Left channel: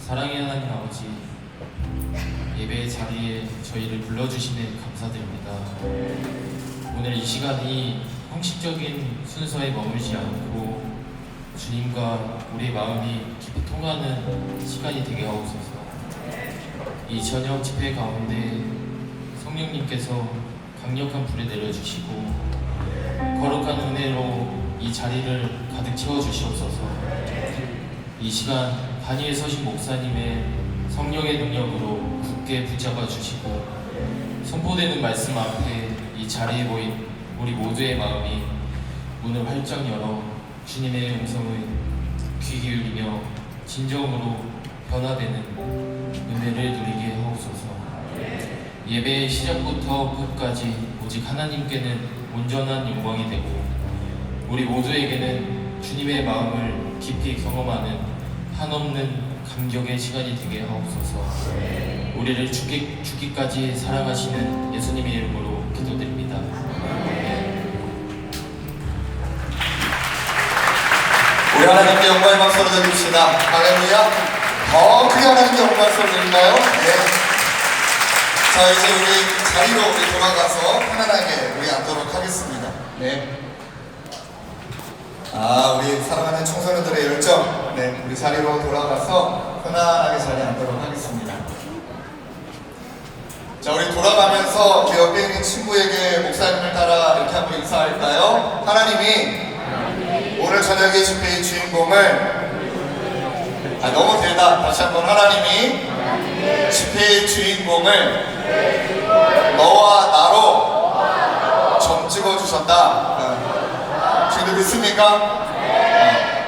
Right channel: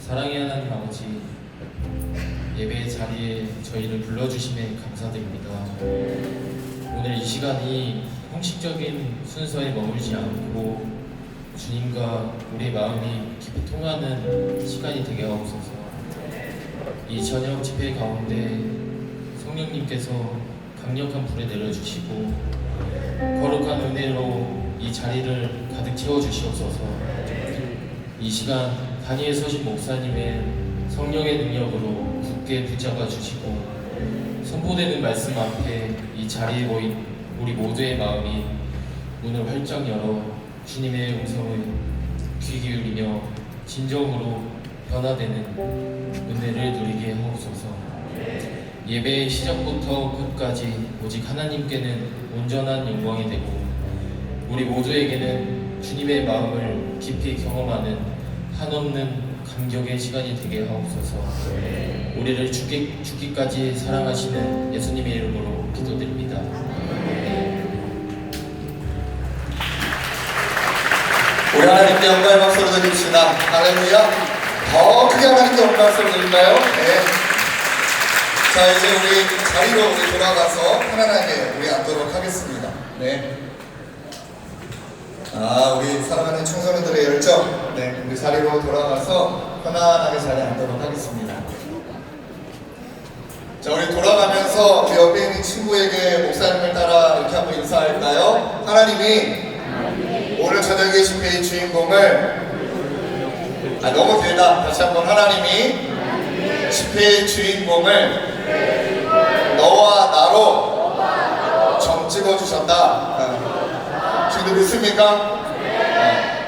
사랑의 하나님 아버지, 예배의 자리에 저희를 불러주심에 감사드립니다. 오늘 이 시간이 형식적인 순서에 머물지 않고 주님과 우리 마음이 깊이 통하는 시간이 되게 하옵소서. 이 저녁 집회 가운데 성령님께서 강력한 불을 내려주시고 거룩한 은혜로 이 자리를 가득 채워주시옵소서. 이 시간 다니엘 서신 목사님의 성령의 능력으로 굳게 붙잡아 주시고 선포되는 말씀 앞에 이 자리에 모인 우리 모두의 마음이 문을 활짝 열어 주님의 음성을 귀 기울이며 진정으로 변화되는 은혜를 누리게 하옵소서. 예배의 시작부터 끝까지 오직 하나님께는 온전한 영광이 되고 우리 모두에게는 주님의 마음을 깊이 경험하는 한없는 감격의 시간이 되게 하옵소서. 우리를 죽기까지 사랑하시는 예수님의 이름으로 기도드립니다. 우리 하나님께 영광의 박수를 드립시다. 할렐루야. 더 크게 하나님께 영광의 박수를 드릴까요? 네. 자, 이제 우리 자리로 우리 돌아가서 편안하게 우리 앉도록 하겠습니다. 네. 우리 사랑하는 청소년들의 열정. 네, 우리 자리로 돌아가서 편안하게 자리에 앉도록 하겠습니다. 자, 우리 돌아가면서 그 옆에 있는 친구에게 목사님을 따라 이렇게 한번 인사할까요? 하나님이 오늘 저녁의 집회의 주인공을 너무 길다. 다시 한번 하나님이 집회의 주인공을 너와 나로 점 찍어주셨다. 지금 믿습니까?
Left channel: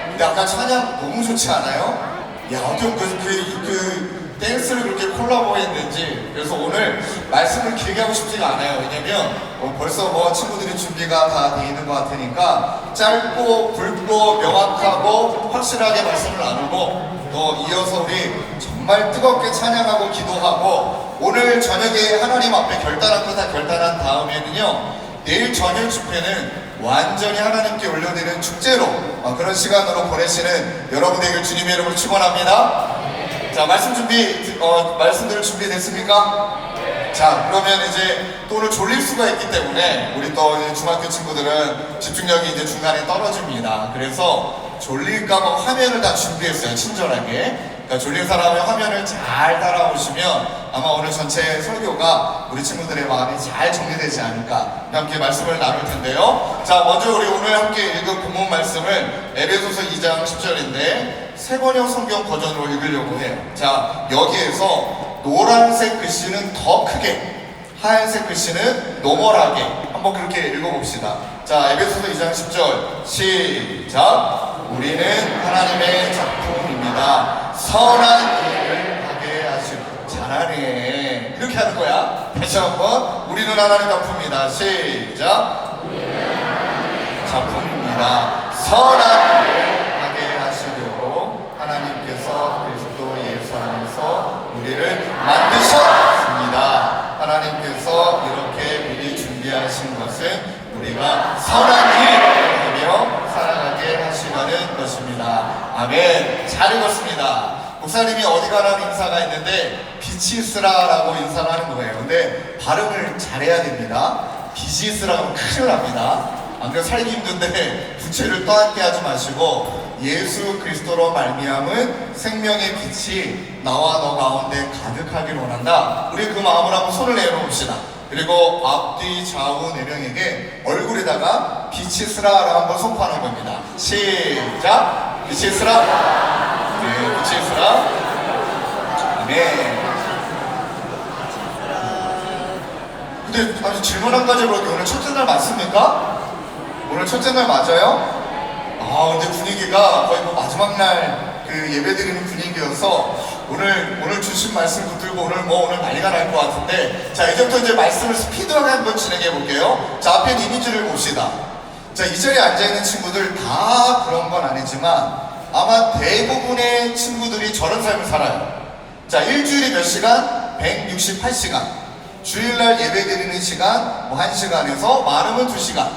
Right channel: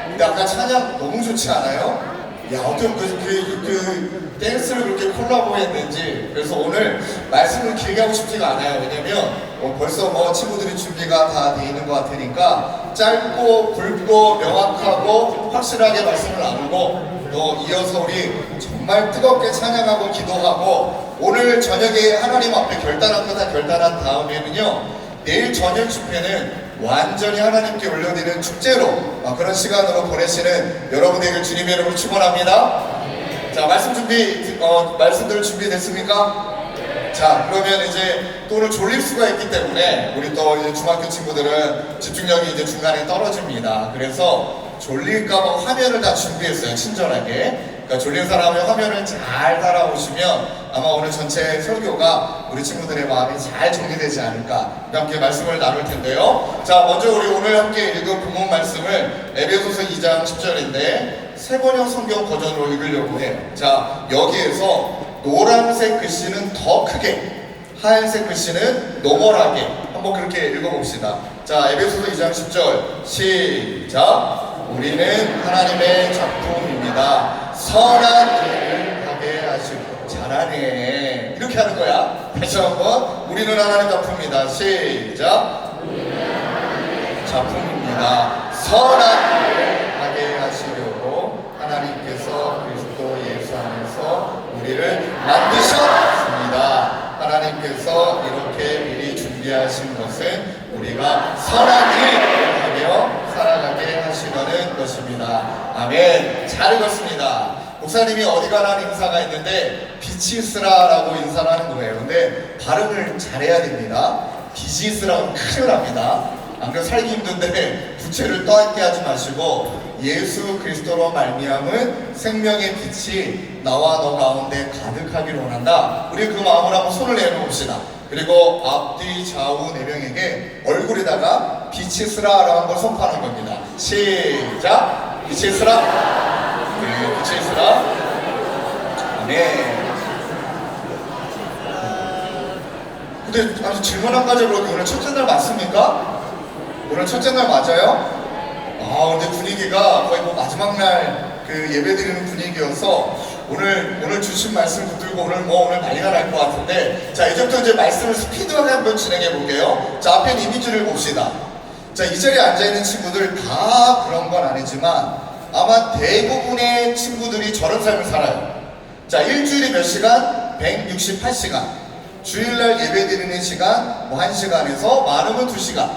근데 아까 찬양 너무 좋지 않아요? 야, 어쩜 그 댄스를 그렇게 콜라보했는지. 그래서 오늘 말씀을 길게 하고 싶지가 않아요. 왜냐면 벌써 친구들이 준비가 다 돼 있는 것 같으니까 짧고 굵고 명확하고 확실하게 말씀을 나누고 또 이어서 우리 정말 뜨겁게 찬양하고 기도하고 오늘 저녁에 하나님 앞에 결단한 거 다 결단한 다음에는요, 내일 저녁 집회는 완전히 하나님께 올려드리는 축제로 그런 시간으로 보내시는 여러분 되길 주님의 이름으로 축원합니다. 자, 말씀들 준비됐습니까? 자, 그러면 이제 또 오늘 졸릴 수가 있기 때문에 우리 또 이제 중학교 친구들은 집중력이 이제 중간에 떨어집니다. 그래서 졸릴까봐 화면을 다 준비했어요. 친절하게. 그러니까 졸린 사람의 화면을 잘 따라오시면 아마 오늘 전체 설교가 우리 친구들의 마음이 잘 정리되지 않을까. 함께 말씀을 나눌 텐데요. 자, 먼저 우리 오늘 함께 읽은 본문 말씀을 에베소서 2장 10절인데 세번역 성경 버전으로 읽으려고 해요. 자, 여기에서 노란색 글씨는 더 크게, 하얀색 글씨는 노멀하게 한번 그렇게 읽어봅시다. 자, 에베소서 2장 10절 시작. 우리는 하나님의 작품입니다. 선한 일을 하게 하시고. 잘하네. 이렇게 하는 거야. 다시 한번. 우리는 하나님의 작품입니다. 시작. 우리는 하나님의 작품입니다. 선한 일을 하게 하시려고 하나님께서 그리스도 예수 안에서 우리를 만드셨습니다. 하나님께서 이렇게 미리 준비하신 것은 우리가 선한 일을 하며 살아가게 하시려는 것입니다. 아멘. 잘 읽었습니다. 목사님이 어디 가라는 인사가 있는데 비치스라라고 인사를 하는 거예요. 근데 발음을 잘해야 됩니다. 비치스라고 큰일 납니다. 안 그래도 살기 힘든데 부채를 떠안게 하지 마시고 예수 그리스도로 말미암은 생명의 빛이 나와 너 가운데 가득하기를 원한다. 우리 그 마음을 한번 손을 내놓읍시다. 그리고 앞뒤 좌우 네 명에게 얼굴에다가 비치스라라고 한번 선포하는 겁니다. 시작. 비치스라. 네, 비치스라. 네. 근데 아주 질문 한 가지 해볼게요. 오늘 첫째 날 맞습니까? 오늘 첫째 날 맞아요? 근데 분위기가 거의 마지막 날 그 예배 드리는 분위기여서 오늘 주신 말씀 붙들고 오늘 난리가 날 것 같은데, 자, 이제부터 이제 말씀을 스피드하게 한번 진행해 볼게요. 자, 앞에 이미지를 봅시다. 자, 이 자리에 앉아있는 친구들 다 그런 건 아니지만 아마 대부분의 친구들이 저런 삶을 살아요. 자, 일주일에 몇 시간? 168시간. 주일날 예배 드리는 시간 1시간에서 많으면 2시간.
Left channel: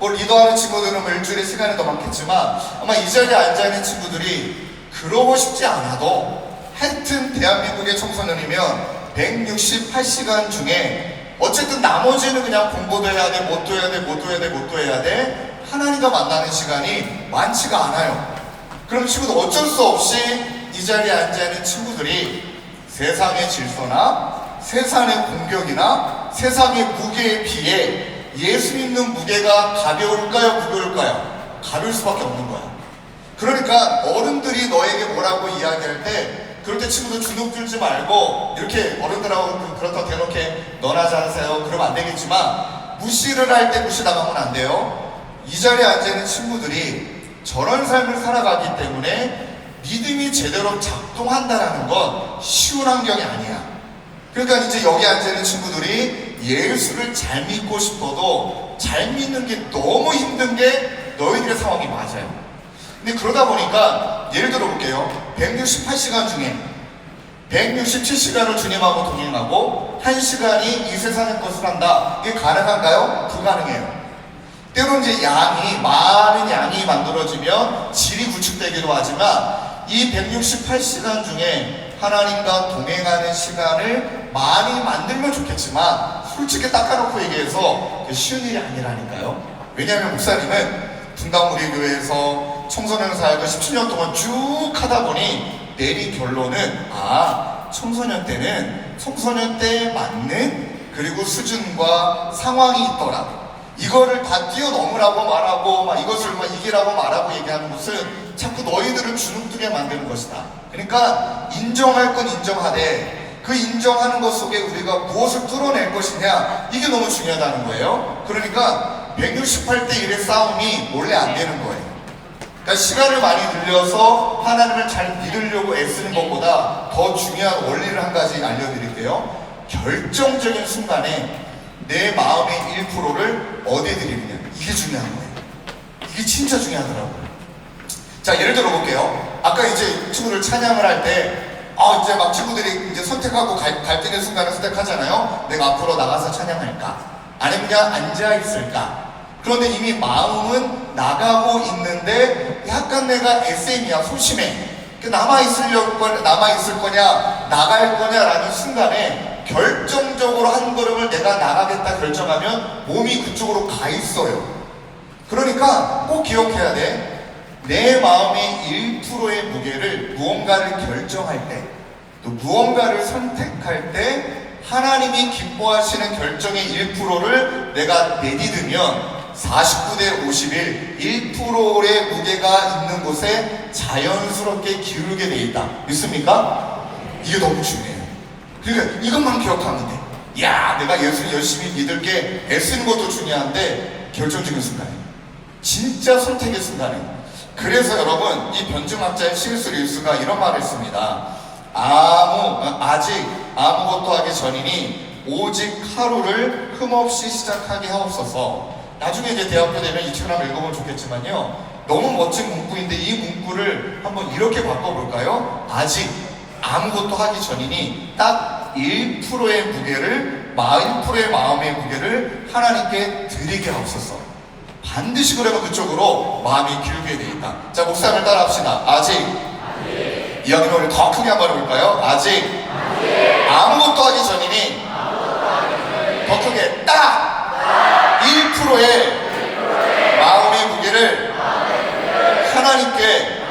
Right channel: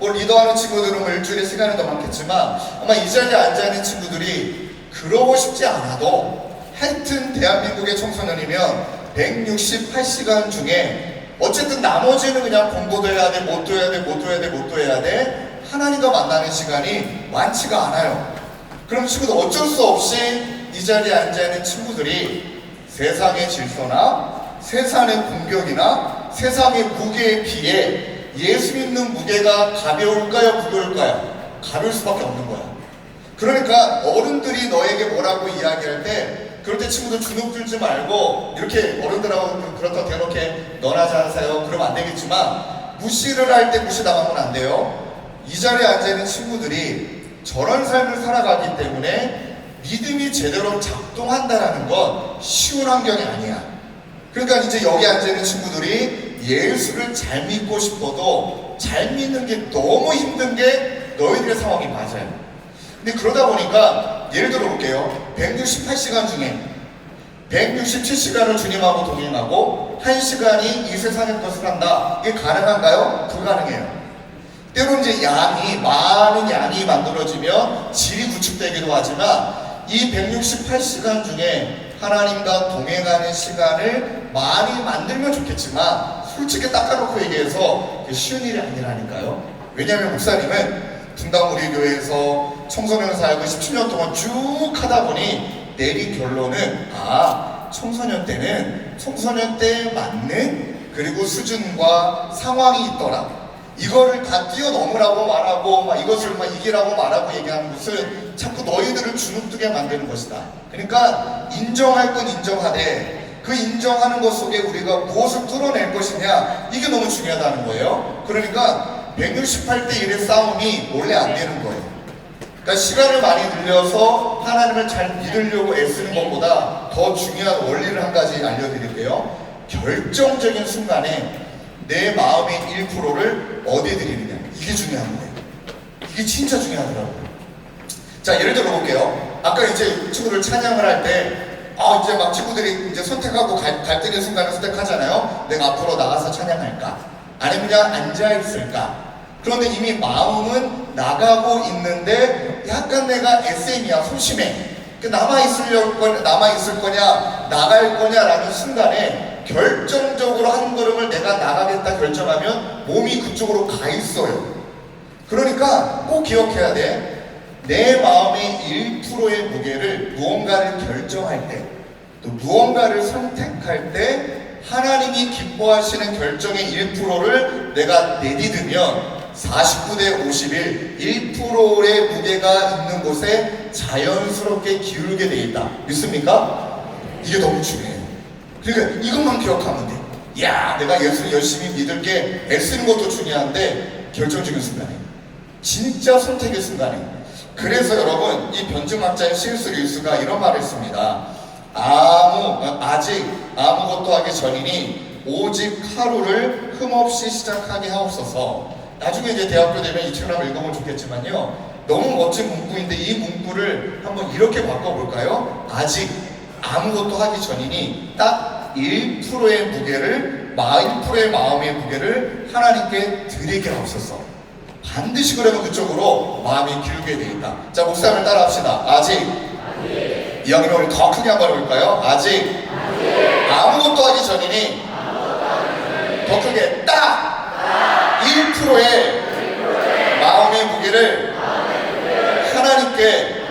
리더하는 친구들은 일주일에 시간이 더 많겠지만 아마 이 자리에 앉아있는 친구들이 그러고 싶지 않아도 하여튼 대한민국의 청소년이면 168시간 중에 어쨌든 나머지는 그냥 공부도 해야 돼, 못도 해야 돼, 못도 해야 돼, 못도 해야 돼, 하나님과 만나는 시간이 많지가 않아요. 그럼 친구들 어쩔 수 없이 이 자리에 앉아있는 친구들이 세상의 질서나 세상의 공격이나 세상의 무게에 비해 예수 믿는 무게가 가벼울까요? 무거울까요? 가벼울 수밖에 없는 거야. 그러니까 어른들이 너에게 뭐라고 이야기할 때 그럴 때 친구들 주눅 들지 말고 이렇게 어른들하고 좀 그렇다고 대놓게 너나 잘하세요 그러면 안 되겠지만 무시를 할 때 무시당하면 안 돼요. 이 자리에 앉아있는 친구들이 저런 삶을 살아가기 때문에 믿음이 제대로 작동한다는 건 쉬운 환경이 아니야. 그러니까 이제 여기 앉아있는 친구들이 예수를 잘 믿고 싶어도 잘 믿는 게 너무 힘든 게 너희들의 상황이 맞아요. 근데 그러다 보니까 예를 들어 볼게요. 168시간 중에 167시간을 주님하고 동행하고 1시간이 이 세상의 것을 한다. 이게 가능한가요? 불가능해요. 때로 이제 많은 양이 만들어지면 질이 구축되기도 하지만 이 168시간 중에 하나님과 동행하는 시간을 많이 만들면 좋겠지만 솔직히 닦아놓고 얘기해서 쉬운 일이 아니라니까요. 왜냐하면 목사님은 분당 우리 교회에서 청소년 사역을 17년 동안 쭉 하다 보니 내린 결론은 청소년 때는 청소년 때에 맞는 그리고 수준과 상황이 있더라. 이거를 다 뛰어넘으라고 말하고 이것을 이기라고 말하고 얘기하는 것은 자꾸 너희들을 주눅들게 만드는 것이다. 그러니까 인정할 건 인정하되 그 인정하는 것 속에 우리가 무엇을 뚫어낼 것이냐 이게 너무 중요하다는 거예요. 그러니까 168대 1의 싸움이 원래 안 되는 거예요. 그러니까 시간을 많이 늘려서 하나님을 잘 믿으려고 애쓰는 것보다 더 중요한 원리를 한 가지 알려드릴게요. 결정적인 순간에 내 마음의 1%를 어디에 드리느냐 이게 중요한 거예요. 이게 진짜 중요하더라고요. 자, 예를 들어 볼게요. 아까 이제 친구들 찬양을 할 때 이제 막 친구들이 이제 선택하고 갈등의 순간을 선택하잖아요. 내가 앞으로 나가서 찬양할까? 아니면 그냥 앉아있을까? 그런데 이미 마음은 나가고 있는데 약간 내가 SM이야, 소심해. 남아있을 거냐, 나갈 거냐라는 순간에 결정적으로 한 걸음을 내가 나가겠다 결정하면 몸이 그쪽으로 가 있어요. 그러니까 꼭 기억해야 돼. 내 마음의 1%의 무게를 무언가를 결정할 때, 또 무언가를 선택할 때 하나님이 기뻐하시는 결정의 1%를 내가 내딛으면 49대 51, 1%의 무게가 있는 곳에 자연스럽게 기울게 돼 있다. 믿습니까? 이게 너무 중요해요. 그러니까 이것만 기억하면 돼. 내가 예수를 열심히 믿을 게 애쓰는 것도 중요한데 결정적인 순간에, 진짜 선택의 순간에. 그래서 여러분, 이 변증학자인 C.S. 루이스가 이런 말을 했습니다. 아직 아무것도 하기 전이니 오직 하루를 흠없이 시작하게 하옵소서. 나중에 이제 대학교 되면 이 책을 한번 읽어보면 좋겠지만요, 너무 멋진 문구인데 이 문구를 한번 이렇게 바꿔볼까요? 아직 아무것도 하기 전이니 딱 1%의 무게를, 1%의 마음의 무게를 하나님께 드리게 하옵소서. 반드시 그러면 그쪽으로 마음이 기울게 되어 있다. 자, 목사님을 따라 합시다. 아직. 이왕이면 우리 더 크게 한번 해볼까요? 아직. 아무것도 하기 전이니 더 크게 딱 1%의 마음의 무게를 하나님께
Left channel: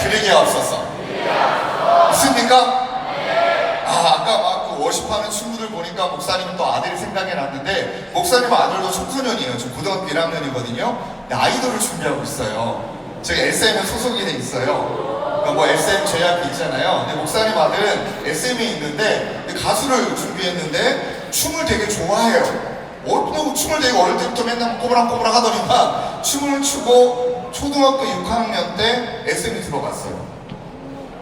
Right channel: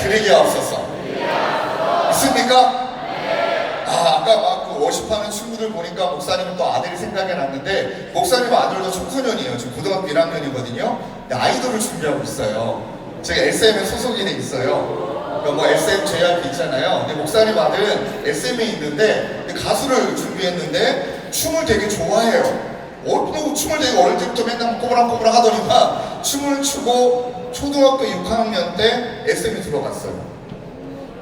드리게 하옵소서. 있습니까? 아까 막 그 워십하는 친구들 보니까 목사님은 또 아들이 생각이 났는데, 목사님 아들도 청소년이에요. 지금 고등학교 1학년이거든요. 근데 아이돌을 준비하고 있어요. 제가 SM에 소속이 돼 있어요. 그러니까 뭐 SM 제약이 있잖아요. 근데 목사님 아들은 SM에 있는데 가수를 준비했는데 춤을 되게 좋아해요. 춤을 되게 어릴 때부터 맨날 꼬부랑꼬부랑 하더니만 춤을 추고 초등학교 6학년 때 SM에 들어갔어요.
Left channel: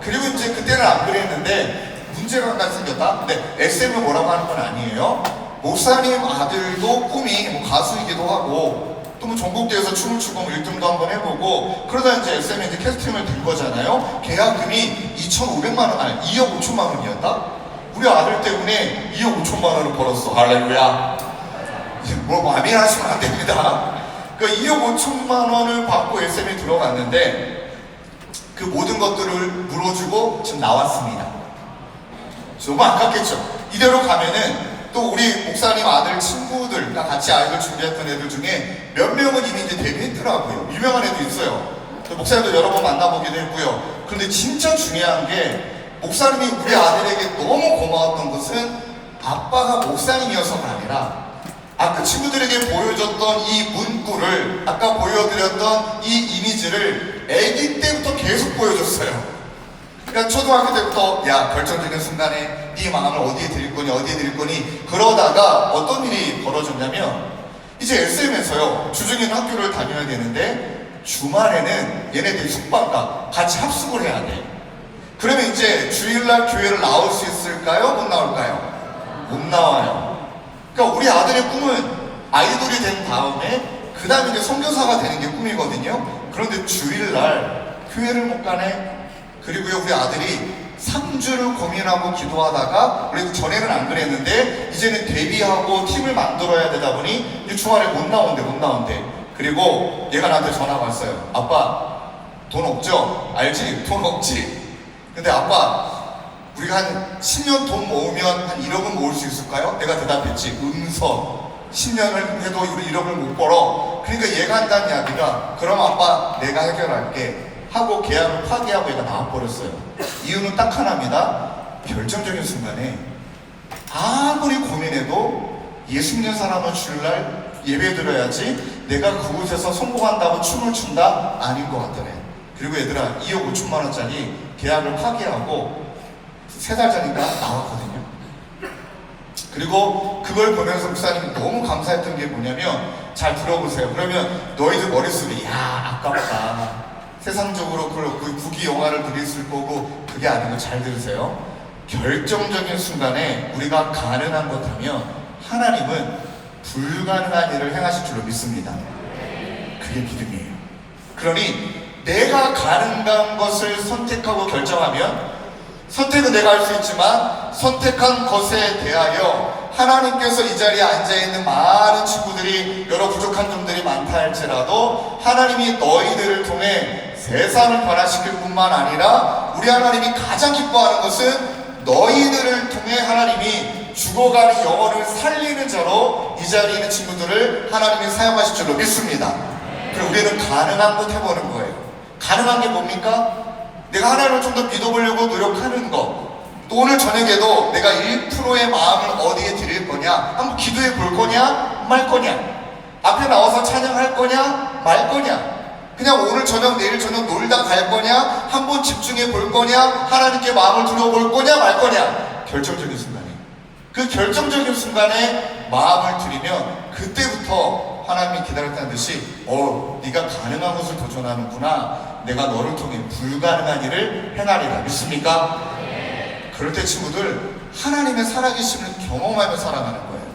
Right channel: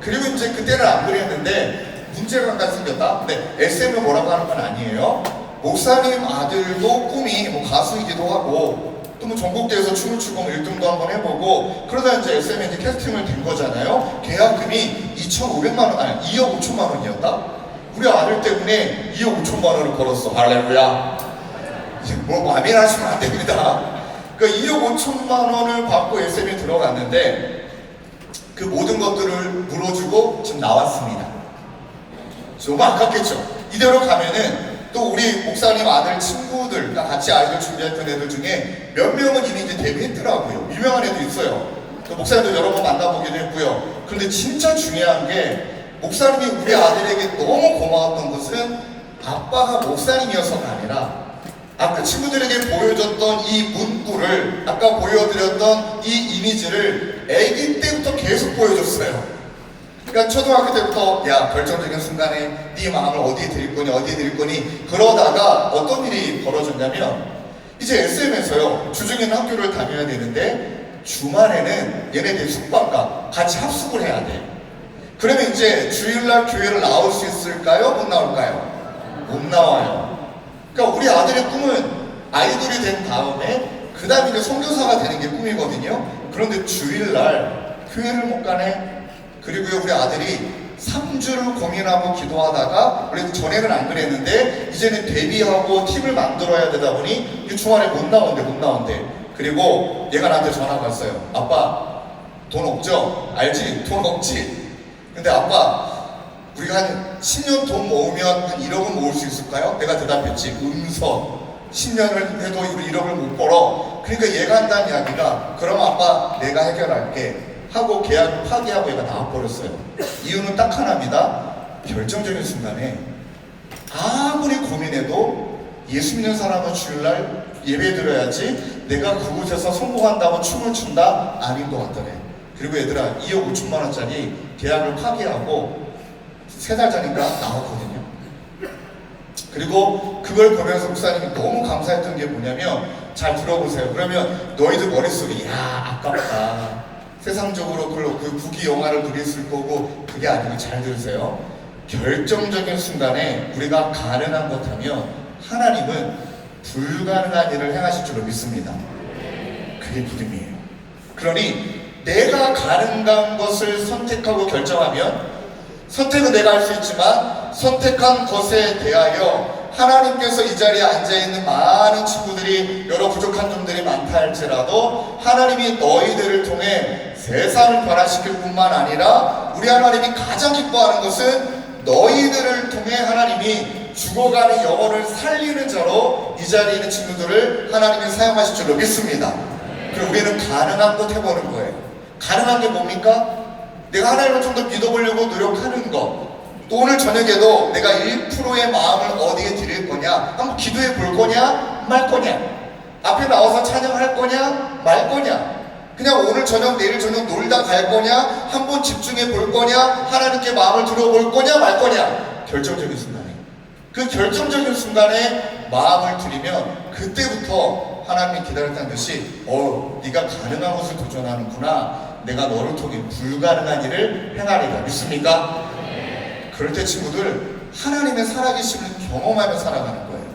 그리고 이제 그때는 안 그랬는데 문제가 하나 생겼다? 근데 SM을 뭐라고 하는 건 아니에요. 목사님 아들도 꿈이 뭐 가수이기도 하고 또 뭐 전국대회에서 춤을 추고 뭐 1등도 한번 해보고 그러다 이제 SM에 이제 캐스팅을 된 거잖아요. 계약금이 2,500만 원, 아니 2억 5천만 원이었다? 우리 아들 때문에 2억 5천만 원을 벌었어. 할렐루야. 이제 뭐 마음이 나시면 안 됩니다. 그러니까 2억 5천만 원을 받고 SM에 들어갔는데 그 모든 것들을 물어주고 지금 나왔습니다. 너무 아깝겠죠? 이대로 가면은 또 우리 목사님 아들 친구들, 같이 아이돌 준비했던 애들 중에 몇 명은 이미 이제 데뷔했더라고요. 유명한 애도 있어요. 목사님도 여러 번 만나보기도 했고요. 그런데 진짜 중요한 게 목사님이 우리 아들에게 너무 고마웠던 것은 아빠가 목사님이어서가 아니라 아까 친구들에게 보여줬던 이 문구를, 아까 보여드렸던 이 이미지를 아기 때부터 계속 보여줬어요. 그러니까 초등학교 때부터 야, 결정적인 순간에 네 마음을 어디에 드릴 거니 어디에 드릴 거니 그러다가 어떤 일이 벌어졌냐면 이제 SM에서요 주중에는 학교를 다녀야 되는데 주말에는 얘네들 숙박과 같이 합숙을 해야 돼. 그러면 이제 주일날 교회를 나올 수 있을까요? 못 나올까요? 못 나와요. 그러니까 우리 아들의 꿈은 아이돌이 된 다음에 그 다음에 이제 선교사가 되는 게 꿈이거든요. 그런데 주일날 교회를 못 가네. 그리고요 우리 아들이 3주를 고민하고 기도하다가 원래 전에는 안 그랬는데 이제는 데뷔하고 팀을 만들어야 되다 보니 주말에 못 나온대. 그리고 얘가 나한테 전화가 왔어요. 아빠 돈 없죠? 알지? 돈 없지? 근데 아빠 우리가 한 10년 돈 모으면 한 1억은 모을 수 있을까요? 내가 대답했지. 음선 10년을 해도 우리 1억을 못 벌어. 그러니까 얘가 한다는 이야기가 그럼 아빠 내가 해결할게 하고 계약을 파기하고 얘가 나와버렸어요. 이유는 딱 하나입니다. 결정적인 순간에 아무리 고민해도 예수 믿는 사람은 주일날 예배 드려야지 내가 그곳에서 성공한다고 춤을 춘다? 아닌 것 같더래. 그리고 얘들아 2억 5천만 원짜리 계약을 파기하고 3달 전인가 나왔거든요. 그리고 그걸 보면서 목사님이 너무 감사했던 게 뭐냐면 잘 들어보세요. 그러면 너희들 머릿속에 야 아깝다. 세상적으로 그 국기 영화를 드렸을 거고 그게 아니고 잘 들으세요. 결정적인 순간에 우리가 가능한 것 하면 하나님은 불가능한 일을 행하실 줄로 믿습니다. 그게 믿음이에요. 그러니 내가 가능한 것을 선택하고 결정하면 선택은 내가 할 수 있지만 선택한 것에 대하여 하나님께서 이 자리에 앉아있는 많은 친구들이 여러 부족한 점들이 많다 할지라도 하나님이 너희들을 통해 세상을 변화시킬 뿐만 아니라 우리 하나님이 가장 기뻐하는 것은 너희들을 통해 하나님이 죽어가는 영혼을 살리는 자로 이 자리에 있는 친구들을 하나님이 사용하실 줄로 믿습니다. 그럼 우리는 가능한 것 해보는 거예요. 가능한 게 뭡니까? 내가 하나님을 좀 더 믿어보려고 노력하는 것. 또 오늘 저녁에도 내가 1%의 마음을 어디에 드릴 거냐? 한번 기도해 볼 거냐? 말 거냐? 앞에 나와서 찬양할 거냐? 말 거냐? 그냥 오늘 저녁 내일 저녁 놀다 갈 거냐? 한번 집중해 볼 거냐? 하나님께 마음을 들어볼 거냐? 말 거냐? 결정적인 순간에 그 결정적인 순간에 마음을 드리면 그때부터 하나님이 기다렸다는 듯이 네가 가능한 것을 도전하는구나. 내가 너를 통해 불가능한 일을 행하리라. 믿습니까? 그럴 때 친구들 하나님의 살아계심을 경험하며 살아가는 거예요.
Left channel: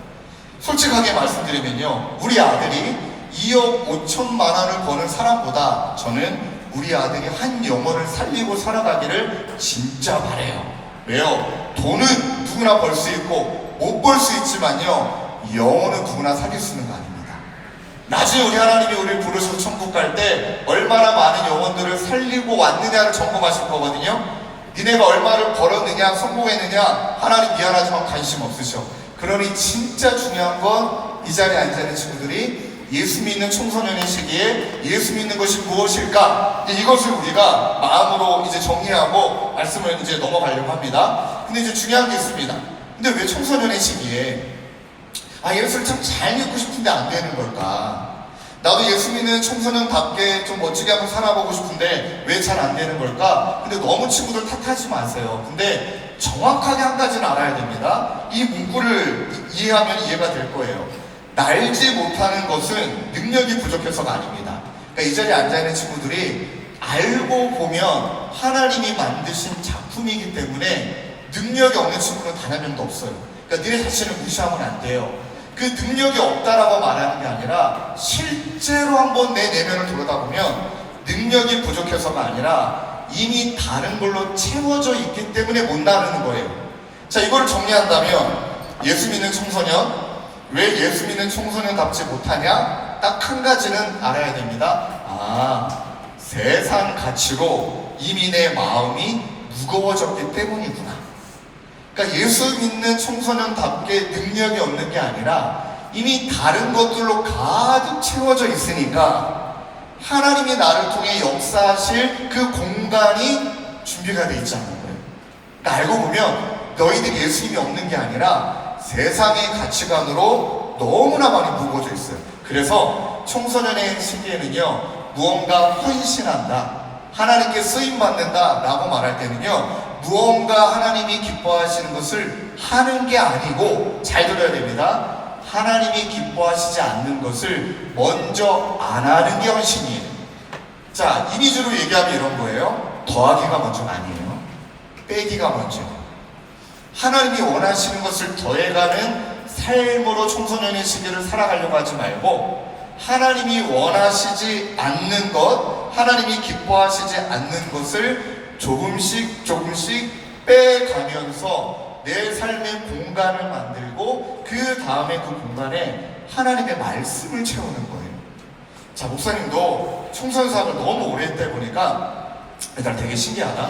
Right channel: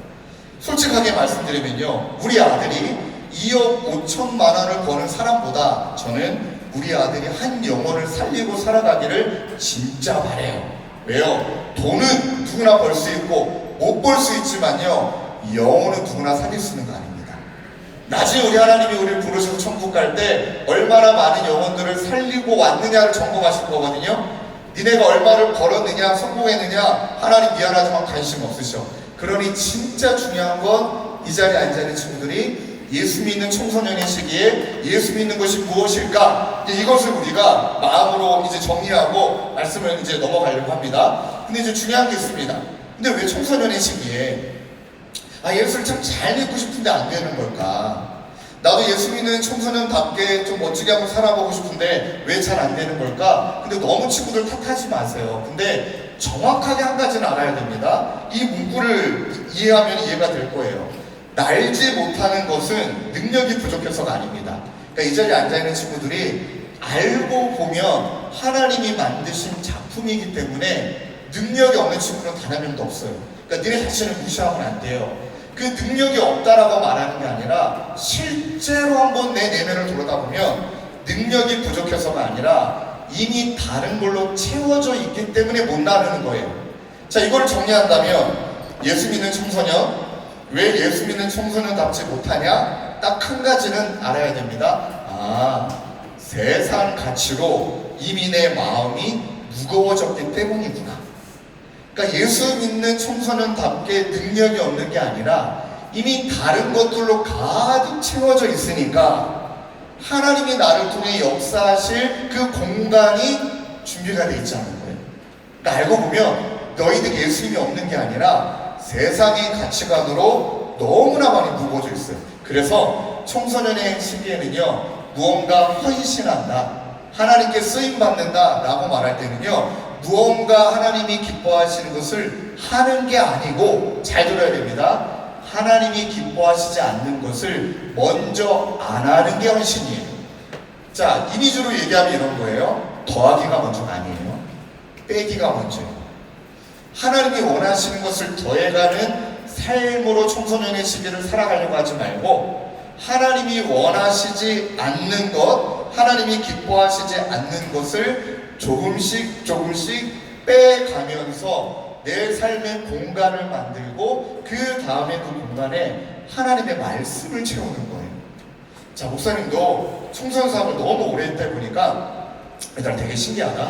솔직하게 말씀드리면요 우리 아들이 2억 5천만 원을 버는 사람보다 저는 우리 아들이 한 영혼을 살리고 살아가기를 진짜 바래요. 왜요? 돈은 누구나 벌 수 있고 못 벌 수 있지만요 영혼은 누구나 살릴 수 있는 거 아닙니다. 나중에 우리 하나님이 우리를 부르셔서 천국 갈 때 얼마나 많은 영혼들을 살리고 왔느냐를 점검하실 거거든요. 니네가 얼마를 벌었느냐 성공했느냐 하나님 미안하지만 관심 없으셔. 그러니 진짜 중요한 건 이 자리에 앉아있는 친구들이 예수 믿는 청소년의 시기에 예수 믿는 것이 무엇일까? 이것을 우리가 마음으로 이제 정리하고 말씀을 이제 넘어가려고 합니다. 근데 이제 중요한 게 있습니다. 근데 왜 청소년의 시기에 예수를 참 잘 믿고 싶은데 안 되는 걸까? 나도 예수 믿는 청소년답게 좀 멋지게 한번 살아보고 싶은데 왜 잘 안 되는 걸까? 근데 너무 친구들 탓하지 마세요. 근데 정확하게 한 가지는 알아야 됩니다. 이 문구를 이해하면 이해가 될 거예요. 날지 못하는 것은 능력이 부족해서가 아닙니다. 그러니까 이 자리에 앉아있는 친구들이 알고 보면 하나님이 만드신 작품이기 때문에 능력이 없는 친구는 단 한 명도 없어요. 그러니까 니네 자신을 무시하면 안 돼요. 그 능력이 없다라고 말하는 게 아니라 실제로 한번 내 내면을 들여다보면 능력이 부족해서가 아니라 이미 다른 걸로 채워져 있기 때문에 못 나르는 거예요. 자, 이걸 정리한다면 예수 믿는 청소년, 왜 예수 믿는 청소년답지 못하냐? 딱 한 가지는 알아야 됩니다. 세상 가치로 이미 내 마음이 무거워졌기 때문이구나. 그러니까 예수 믿는 청소년답게 능력이 없는 게 아니라 이미 다른 것들로 가득 채워져 있으니까 하나님이 나를 통해 역사하실 그 공간이 준비가 돼 있지 않은 거예요. 그러니까 알고 보면 너희들 예수님이 없는 게 아니라 세상의 가치관으로 너무나 많이 무거워져 있어요. 그래서 청소년의 시기에는요, 무언가 헌신한다, 하나님께 쓰임받는다 라고 말할 때는요, 무언가 하나님이 기뻐하시는 것을 하는 게 아니고, 잘 들어야 됩니다. 하나님이 기뻐하시지 않는 것을 먼저 안 하는 게 헌신이에요. 자, 이미지로 얘기하면 이런 거예요. 더하기가 먼저가 아니에요. 빼기가 먼저예요. 하나님이 원하시는 것을 더해가는 삶으로 청소년의 시기를 살아가려고 하지 말고, 하나님이 원하시지 않는 것, 하나님이 기뻐하시지 않는 것을 조금씩 조금씩 빼가면서 내 삶의 공간을 만들고, 그 다음에 그 공간에 하나님의 말씀을 채우는 거예요. 자, 목사님도 청소년 사업을 너무 오래 했다 보니까 얘들아 되게 신기하다.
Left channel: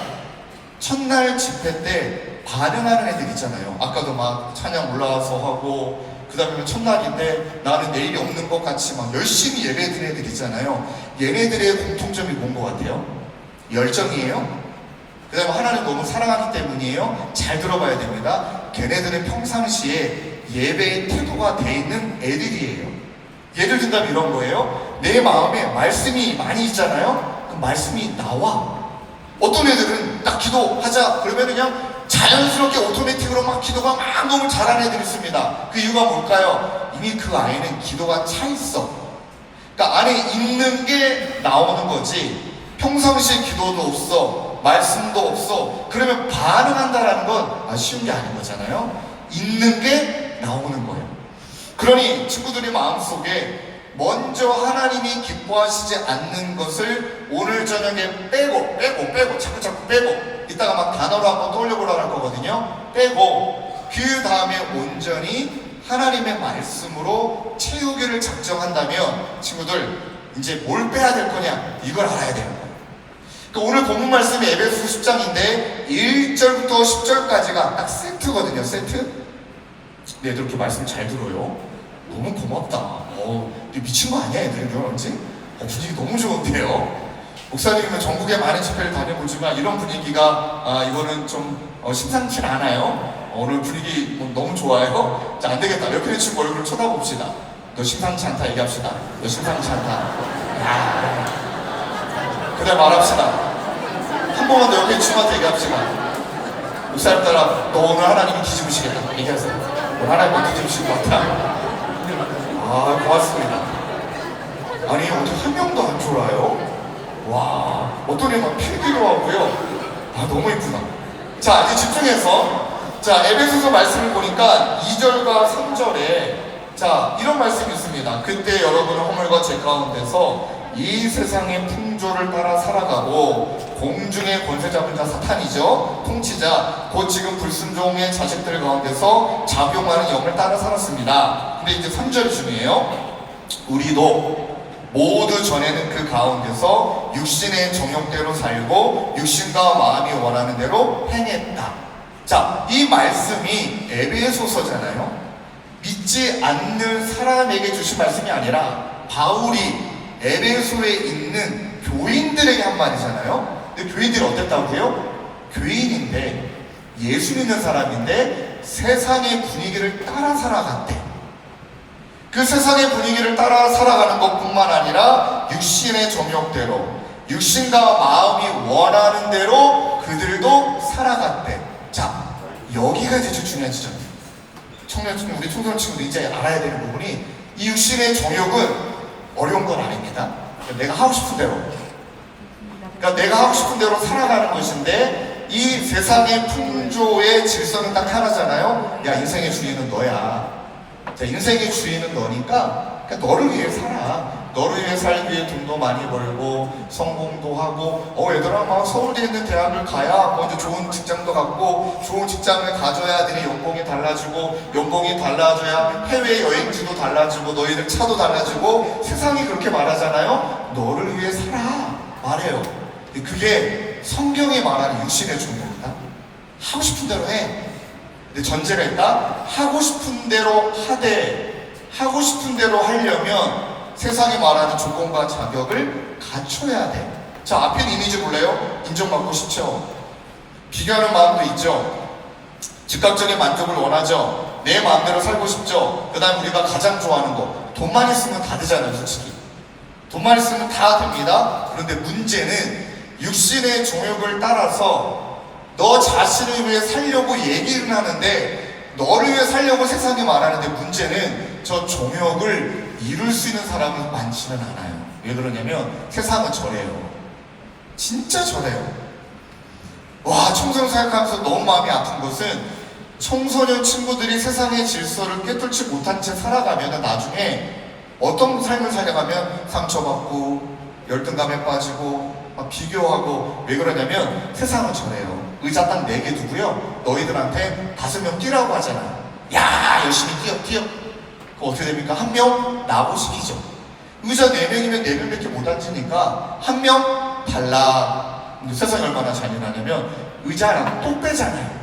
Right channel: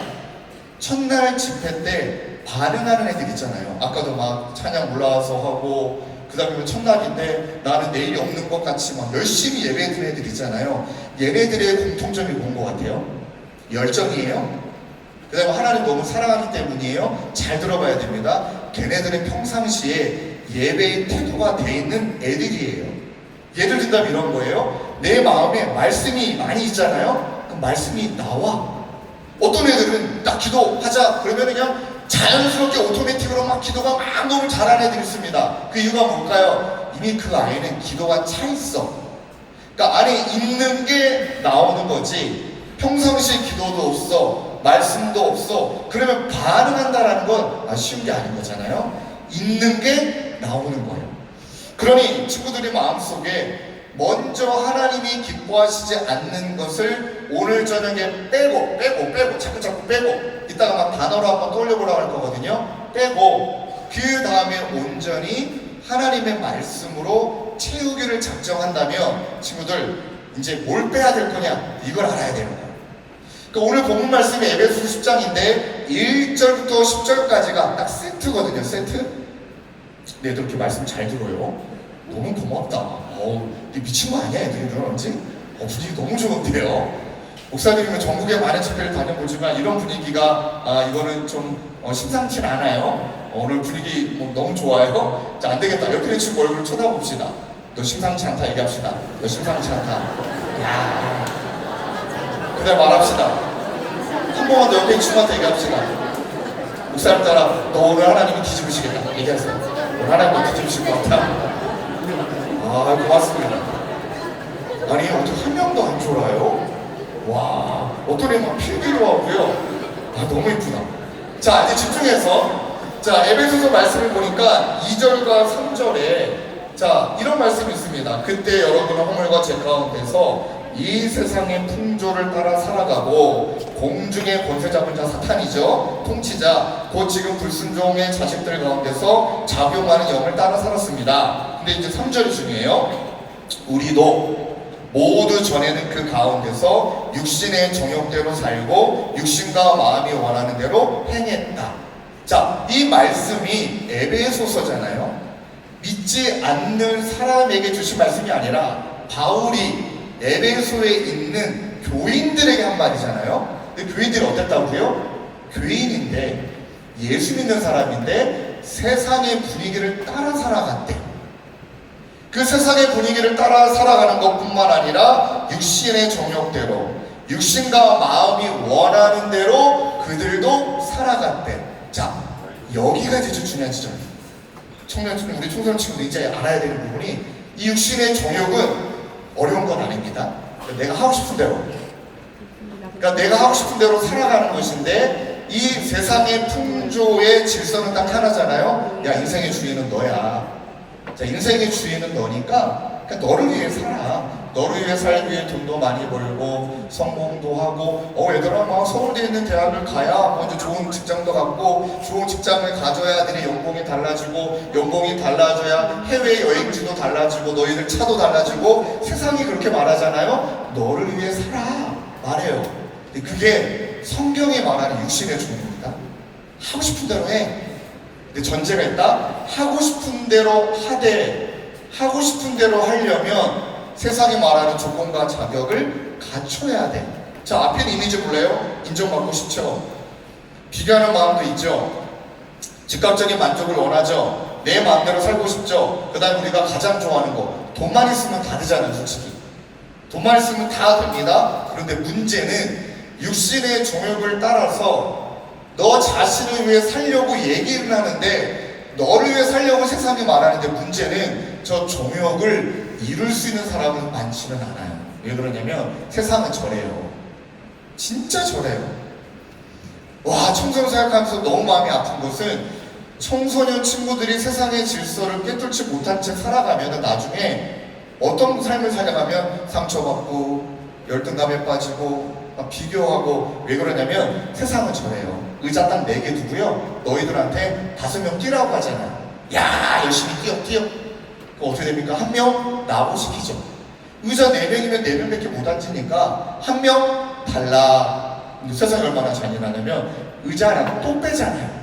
첫날 집회 때 반응하는 애들 있잖아요. 아까도 막 찬양 올라와서 하고, 그 다음에 첫날인데 나는 내일이 없는 것 같이 막 열심히 예배드리는 애들 있잖아요. 얘네들의 공통점이 뭔 것 같아요? 열정이에요. 그 다음에 하나님 너무 사랑하기 때문이에요. 잘 들어봐야 됩니다. 걔네들은 평상시에 예배의 태도가 돼 있는 애들이에요. 예를 든다면 이런 거예요. 내 마음에 말씀이 많이 있잖아요. 그 말씀이 나와. 어떤 애들은 딱 기도하자 그러면 그냥 자연스럽게 오토매틱으로 막 기도가 막 너무 잘하는 애들이 있습니다. 그 이유가 뭘까요? 이미 그 아이는 기도가 차 있어. 그러니까 안에 있는 게 나오는 거지, 평상시에 기도도 없어, 말씀도 없어, 그러면 반응한다라는 건 쉬운 게 아닌 거잖아요. 있는 게 나오는 거예요. 그러니 친구들의 마음속에 먼저 하나님이 기뻐하시지 않는 것을 오늘 저녁에 빼고 자꾸 빼고, 이따가 막 단어로 한번 떠올려보라고 할 거거든요. 빼고 그 다음에 온전히 하나님의 말씀으로 채우기를 작정한다면 친구들 이제 뭘 빼야 될 거냐, 이걸 알아야 되는 거예요. 그러니까 오늘 본문 말씀이 에베소서 10장인데 1절부터 10절까지가 딱 세트거든요. 세트. 네, 애들 이렇게 말씀 잘 들어요. 너무 고맙다. 미친 거 아니야 애들은 왠지? 분위기 너무 좋은데요. 목사님은 전국에 많은 집회를 다녀보지만 이런 분위기가 이거는 좀 심상치 않아요. 오늘 분위기 너무 좋아요. 자, 안 되겠다. 옆에 있는 친구 얼굴을 쳐다봅시다. 너 심상치 않다 얘기합시다. 너 심상치 않다. 그래 말합시다. 한 번만 더 옆에 있는 친구한테 얘기합시다. 목사님 따라 너 오늘 하나님이 뒤집으시겠다 얘기하세요. 오늘 하나님이 뒤집으실 것 같아. 고맙습니다. 아니 어떻게 한 명도 안 졸아요? 와, 어떤 애만 필기도 하고요. 너무 이쁘다. 자, 이제 집중해서, 자, 에베소서 말씀을 보니까 2절과 3절에 자, 이런 말씀이 있습니다. 그때 여러분은 허물과 죄 가운데서 이 세상의 풍조를 따라 살아가고, 공중의 권세 잡은 자 사탄이죠, 통치자, 곧 지금 불순종의 자식들 가운데서 작용하는 영을 따라 살았습니다. 근데 이제 3절이 중요해요. 우리도 모두 전에는 그 가운데서 육신의 정욕대로 살고 육신과 마음이 원하는 대로 행했다. 자, 이 말씀이 에베소서잖아요. 믿지 않는 사람에게 주신 말씀이 아니라 바울이 에베소에 있는 교인들에게 한 말이잖아요. 근데 교인들이 어땠다고 해요? 교인인데, 예수 믿는 사람인데 세상의 분위기를 따라 살아갔대. 그 세상의 분위기를 따라 살아가는 것뿐만 아니라 육신의 정욕대로, 육신과 마음이 원하는 대로 그들도 살아갔대. 자, 여기가 이제 중요한 지점이에요. 우리 청소년 친구들 이제 알아야 되는 부분이, 이 육신의 정욕은 어려운 건 아닙니다. 내가 하고 싶은 대로, 그러니까 내가 하고 싶은 대로 살아가는 것인데, 이 세상의 풍조의 질서는 딱 하나잖아요. 야, 인생의 주인은 너야. 자, 인생의 주인은 너니까 그러니까 너를 위해 살아. 너를 위해 살기 위해 돈도 많이 벌고 성공도 하고, 얘들아 막 서울대에 있는 대학을 가야 먼저 좋은 직장도 갖고, 좋은 직장을 가져야 너희 연봉이 달라지고, 연봉이 달라져야 해외 여행지도 달라지고, 너희들 차도 달라지고, 세상이 그렇게 말하잖아요. 너를 위해 살아 말해요. 그게 성경이 말하는 육신의 종교입니다. 하고 싶은 대로 해. 근데 전제가 있다. 하고 싶은 대로 하되 하고 싶은 대로 하려면 세상이 말하는 조건과 자격을 갖춰야 돼. 자, 앞에는 있는지 몰라요? 인정받고 싶죠? 비교하는 마음도 있죠? 즉각적인 만족을 원하죠? 내 마음대로 살고 싶죠? 그 다음 우리가 가장 좋아하는 거, 돈만 있으면 다 되잖아요, 솔직히. 돈만 있으면 다 됩니다. 그런데 문제는 육신의 종욕을 따라서 너 자신을 위해 살려고 얘기를 하는데 너를 위해 살려고 세상이 말하는데 문제는 저 종욕을 이룰 수 있는 사람은 많지는 않아요. 왜 그러냐면 세상은 저래요. 진짜 저래요. 와, 청소년 생각하면서 너무 마음이 아픈 것은 청소년 친구들이 세상의 질서를 꿰뚫지 못한 채 살아가면 나중에 어떤 삶을 살아가면 상처받고 열등감에 빠지고 막 비교하고. 왜 그러냐면 세상은 저래요. 의자 딱 4개 두고요, 너희들한테 5명 뛰라고 하잖아요. 야, 열심히 뛰어. 그럼 어떻게 됩니까? 1명 나보시키죠. 의자 4명이면 4명밖에 못 앉으니까 1명 달라. 근데 세상이 얼마나 잔인하냐면 의자 하나 또 빼잖아요.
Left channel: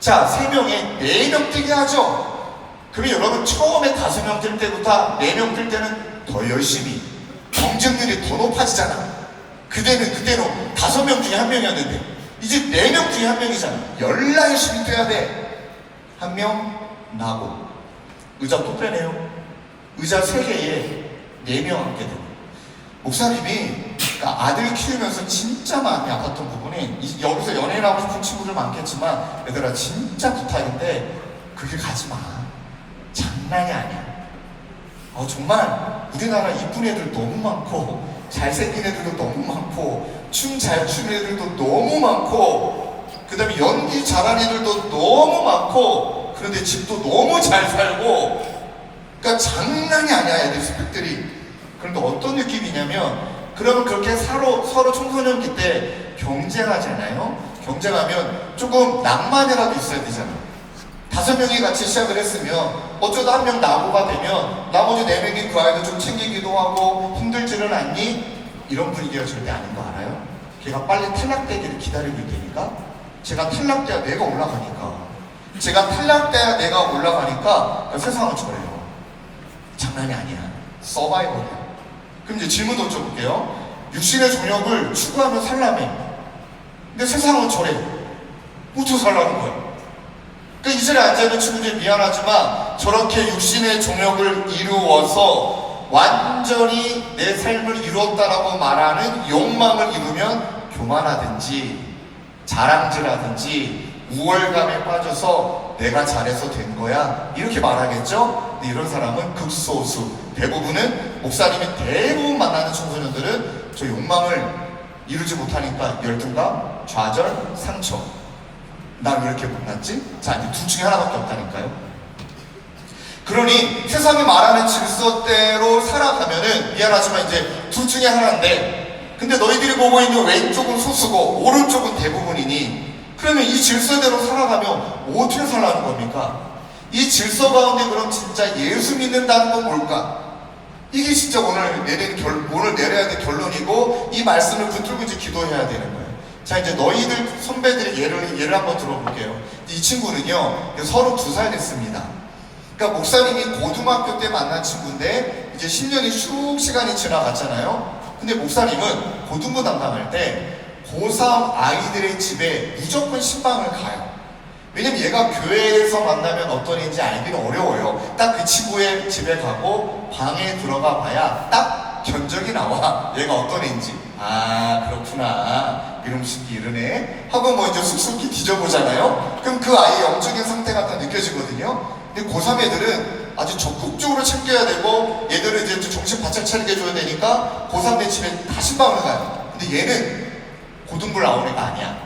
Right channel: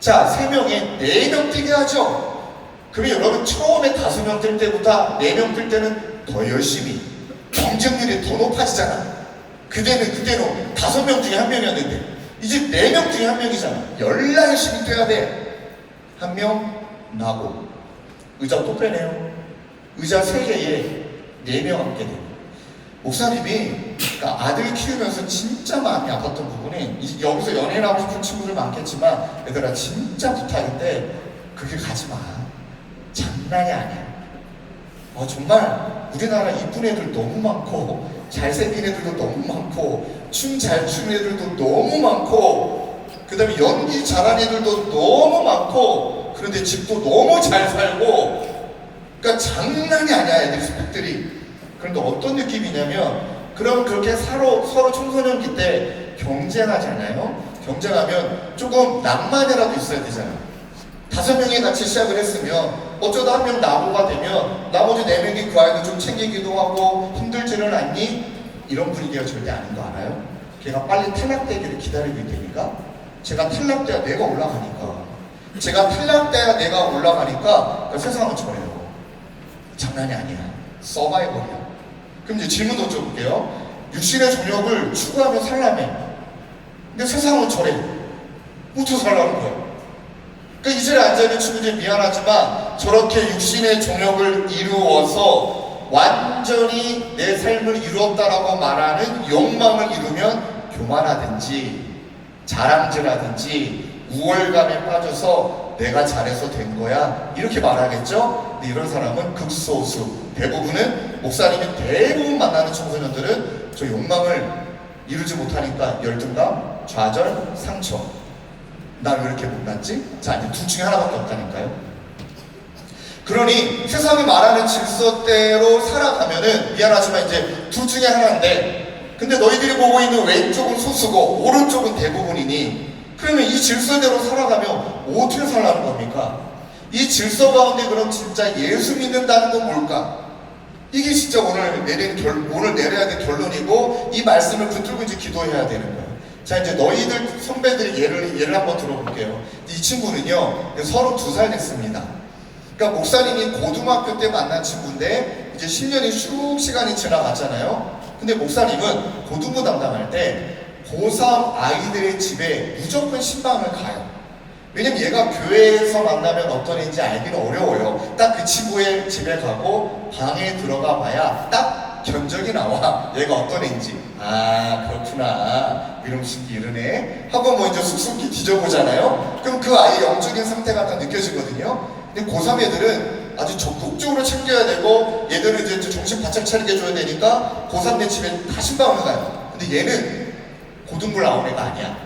자, 3명에 4명 뛰게 하죠. 그러면 여러분 처음에 5명 뛸 때보다 4명 뛸 때는 더 열심히 경쟁률이 더 높아지잖아. 그때는 5명 중에 1명이었는데 이제 4명 중에 1명이잖아. 열나 열심히 뛰어야 돼. 1명 나고 의자 또 빼네요. 의자 3개에 4명 앉게 돼요. 목사님이 그러니까 아들 키우면서 진짜 마음이 아팠던 부분이, 여기서 연예인 하고 싶은 친구들 많겠지만 얘들아 진짜 부탁인데 그게 가지 마. 장난이 아니야. 정말 우리나라 이쁜 애들 너무 많고 잘생긴 애들도 너무 많고 춤 잘 추는 애들도 너무 많고 그 다음에 연기 잘하는 애들도 너무 많고 그런데 집도 너무 잘 살고, 그러니까 장난이 아니야 애들 스펙들이. 그런데 어떤 느낌이냐면, 그러면 그렇게 서로 청소년기 때 경쟁하잖아요. 경쟁하면 조금 낭만이라도 있어야 되잖아요. 5명이 같이 시작을 했으면 어쩌다 1명 나고가 되면 나머지 4명이 그 아이를 좀 챙기기도 하고 힘들지는 않니? 이런 분위기가 절대 아닌 거 알아요? 걔가 빨리 탈락되기를 기다리고 있다니까. 제가 탈락돼야 내가 올라가니까. 제가 탈락돼야 내가 올라가니까 세상은 저래요. 장난이 아니야. 서바이벌이야. 그럼 이제 질문 던져볼게요. 육신의 종욕을 추구하며 살라며. 근데 세상은 저래. 어떻게 살라는 거야? 그러니까 이 자리에 앉아있는 친구들이 미안하지만 저렇게 육신의 종욕을 이루어서 완전히 내 삶을 이루었다라고 말하는 욕망을 이루면 교만하든지 자랑질하든지 우월감에 빠져서 내가 잘해서 된 거야 이렇게 말하겠죠? 근데 이런 사람은 극소수. 대부분은 목사님이 대부분 만나는 청소년들은 저 욕망을 이루지 못하니까 열등감, 좌절, 상처. 나 왜 이렇게 못났지? 자, 이제 둘 중에 하나밖에 없다니까요. 그러니 세상이 말하는 질서대로 살아가면은 미안하지만 이제 둘 중에 하나인데, 근데 너희들이 보고 있는 왼쪽은 소수고 오른쪽은 대부분이니 그러면 이 질서대로 살아가면 어떻게 살라는 겁니까? 이 질서 가운데 그럼 진짜 예수 믿는다는 건 뭘까? 이게 진짜 오늘 내려야 될 결론이고, 이 말씀을 붙들고 이제 기도해야 되는 거예요. 자, 이제 너희들 선배들의 예를 한번 들어볼게요. 이 친구는요 32살 됐습니다. 그러니까 목사님이 고등학교 때 만난 친구인데 이제 10년이 쭉 시간이 지나갔잖아요. 근데 목사님은 고등부 담당할 때 고3 아이들의 집에 무조건 신방을 가요. 왜냐면 얘가 교회에서 만나면 어떤 애인지 알기는 어려워요. 딱 그 친구의 집에 가고 방에 들어가 봐야 딱 견적이 나와. 얘가 어떤 애인지. 아, 그렇구나. 이놈식이 이러네 하고 뭐 이제 쑥쑥 뒤져보잖아요. 그럼 그 아이의 영적인 상태가 다 느껴지거든요. 근데 고3 애들은 아주 적극적으로 챙겨야 되고 얘들은 이제 정신 바짝 차리게 해줘야 되니까 고3 내 집에 다 신방을 가요. 근데 얘는 고등부를 나온 애가 아니야.